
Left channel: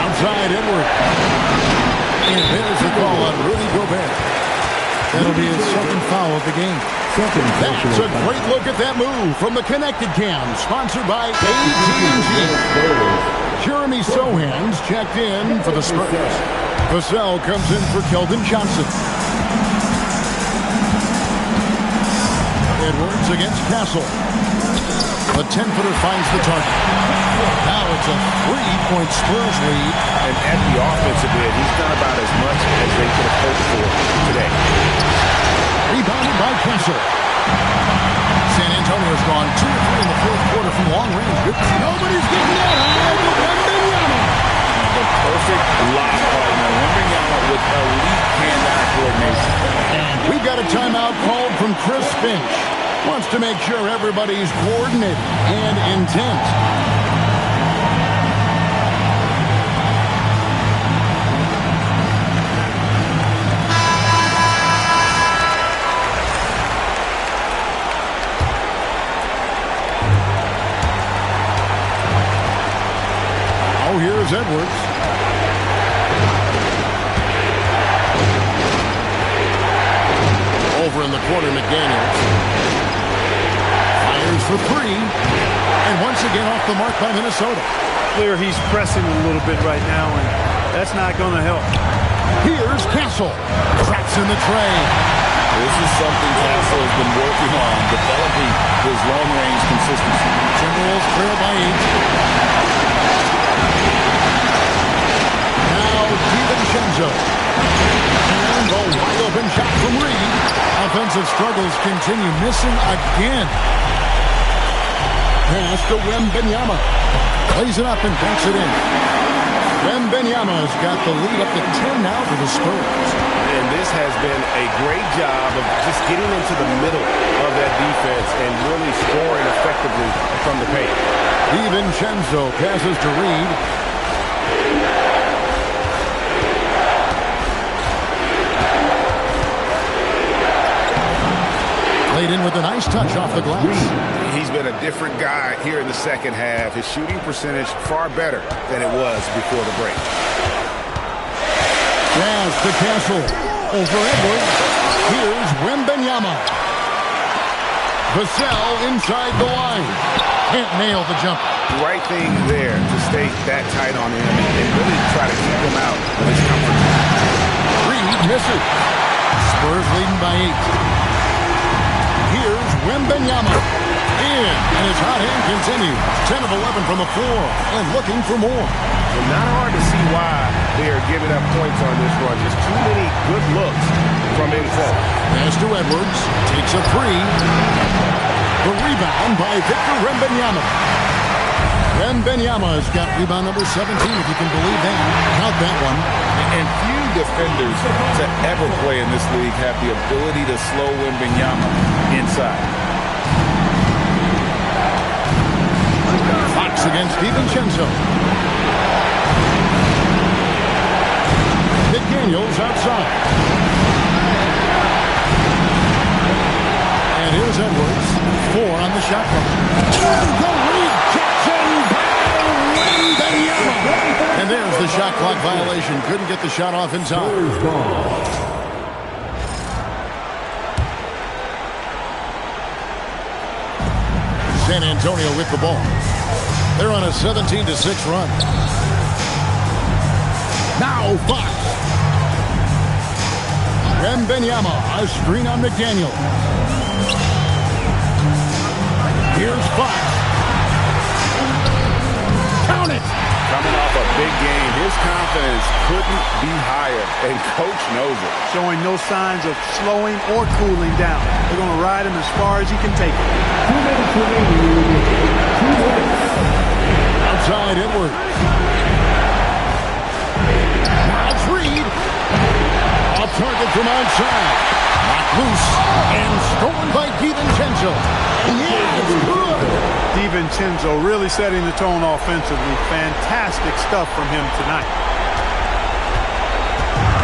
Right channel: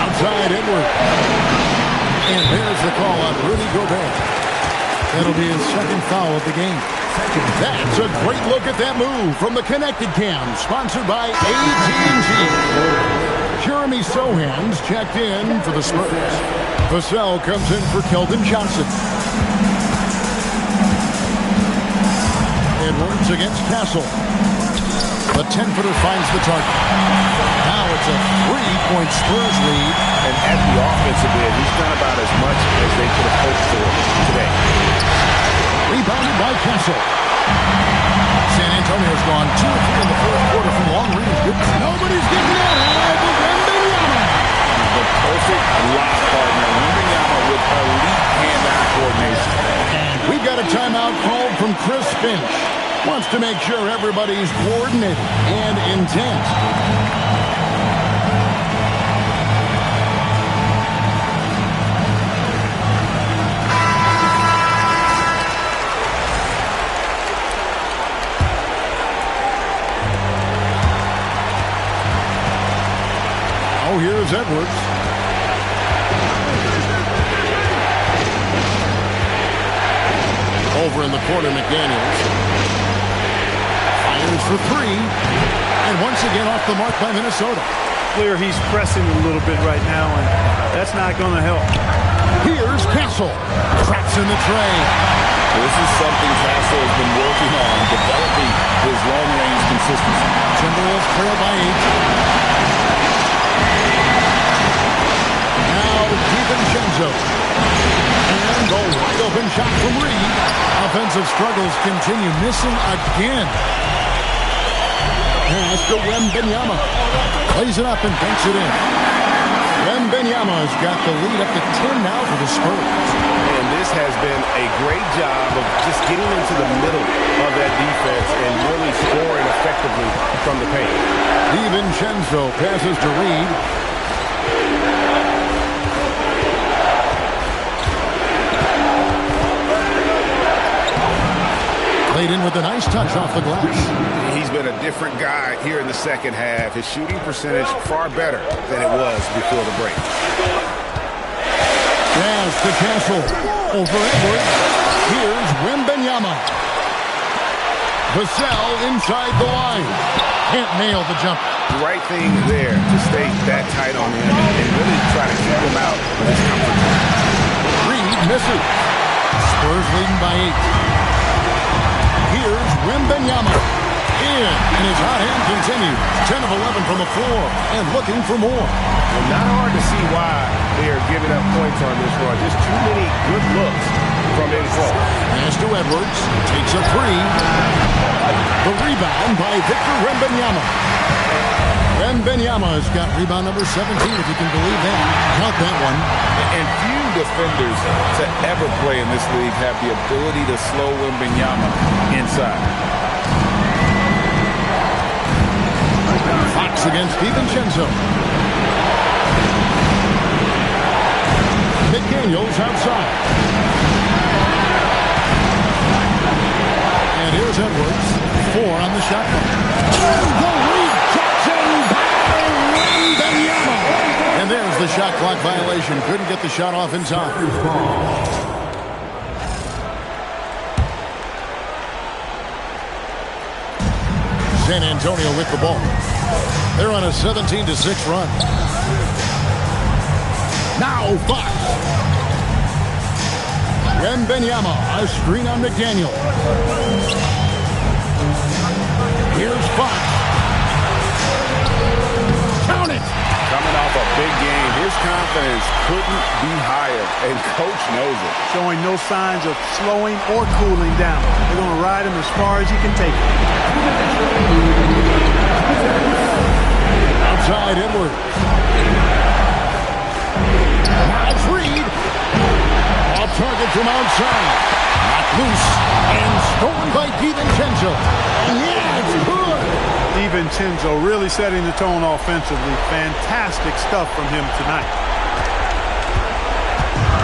Outside Edward. And there's the call on Rudy Gobert. That'll be his second foul of the game. That's a great look at that move from the Connected Cam, sponsored by AT&T. Jeremy Sohan's checked in for the Spurs. Vassell comes in for Keldon Johnson. Edwards against Castle. The 10-footer finds the target. Now it's a 3-point Spurs lead. And at the offensive end, he's done about as much as they could have hoped for today. Rebounded by Castle. San Antonio's gone 2 or 3 in the fourth quarter from long range. Good. Nobody's getting that high, but Wembanyama. The perfect lob partner. Wembanyama with elite hand-eye coordination. And we've got a timeout called from Chris Finch. Wants to make sure everybody's coordinated and intent. Now here's Edwards. Over in the corner, McDaniels. Fires for three. And once again off the mark by Minnesota. Clear he's pressing a little bit right now, and that's not going to help. Here's Castle. Cracks in the tray. This is something Castle has been working on, developing his long-range consistency. Timberwolves trail by 8. Now DiVincenzo. And a wide-open shot from Reed. Offensive struggles continue, missing again. Pass to Wembanyama. Plays it up and banks it in. Wembanyama's got the lead up to 10 now for the Spurs. And this has been a great job of just getting into the middle of that defense and really scoring effectively from the paint. DiVincenzo passes to Reed. Played in with a nice touch off the glass. He's been a different guy here in the second half. His shooting percentage far better than it was before the break. Pass to Castle. Over Edwards. Here's Wembanyama. Vassell inside the line. Can't nail the jumper. The right thing there to stay that tight on him and really try to keep him out of his comfort zone. Reed misses. Spurs leading by 8. Here's Wembanyama. In, and his hot hand continues. 10 of 11 from the floor, and looking for more. Well, not hard to see why they are giving up points on this run. Just too many good looks from in front. Pass to Edwards. Takes a three. The rebound by Victor Wembanyama. Wembanyama has got rebound number 17, if you can believe that. Count that one. And few defenders to ever play in this league have the ability to slow Wembanyama inside. Fox against DiVincenzo. McDaniels outside. And here's Edwards. 4 on the shot clock. The rejection by Wembanyama. And there's the shot clock violation. Couldn't get the shot off in time. San Antonio with the ball. They're on a 17-6 run. Now Fox. Wembanyama, a screen on McDaniel. Here's Fox. Count it. Coming off a big game, his confidence couldn't be higher, and coach knows it. Showing no signs of slowing or cooling down. They're going to ride him as far as he can take it. Outside Edwards. Now it's Reed. Off target from outside. Knocked loose and stolen by DiVincenzo. And yeah, it's good. DiVincenzo really setting the tone offensively. Fantastic stuff from him tonight.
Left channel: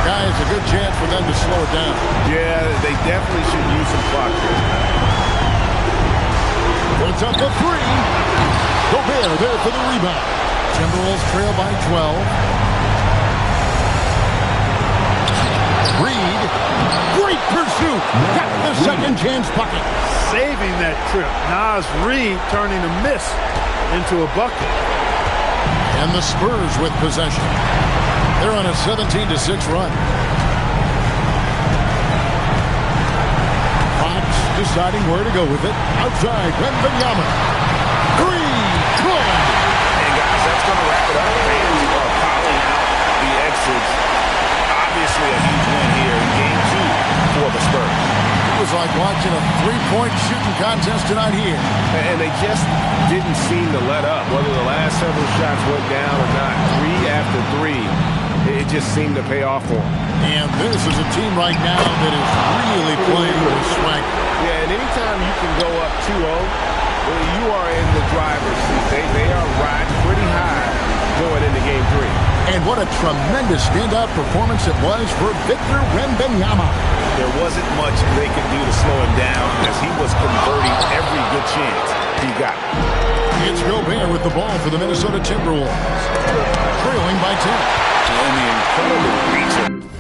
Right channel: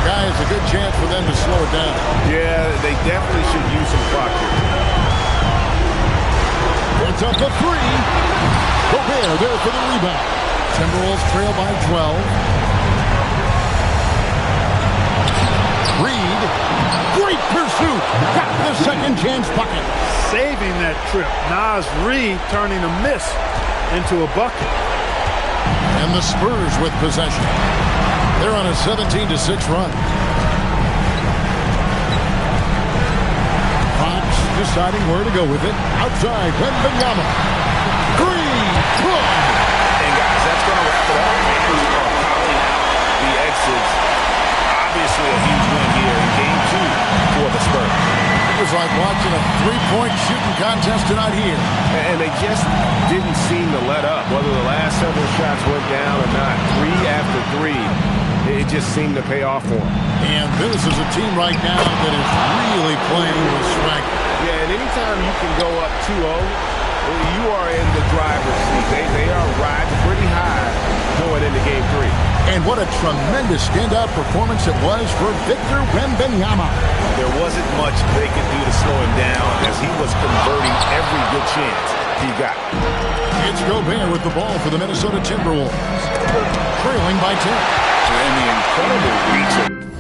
Guys, a good chance for them to slow it down. Yeah, they definitely should use some clock here. Puts up the three. Gobert there for the rebound. Timberwolves trail by 12. Reed. Great pursuit. Got the second chance bucket. Saving that trip. Nas Reed turning a miss into a bucket. And the Spurs with possession. They're on a 17-6 run. Fox deciding where to go with it. Outside, Wembanyama. Three, good. And guys, that's going to wrap it up. Fans are piling out the exits. Obviously a huge win here in Game 2 for the Spurs. It was like watching a three-point shooting contest tonight here. And they just didn't seem to let up. Whether the last several shots went down or not, 3 after 3, it just seemed to pay off for them. And this is a team right now that is really playing with swagger. Yeah, and anytime you can go up 2-0, you are in the driver's seat. They are riding pretty high going into Game 3. And what a tremendous standout performance it was for Victor Wembanyama. There wasn't much they could do to slow him down as he was converting every good chance he got. It's Gobert with the ball for the Minnesota Timberwolves. Trailing by 10. And the incredible reach of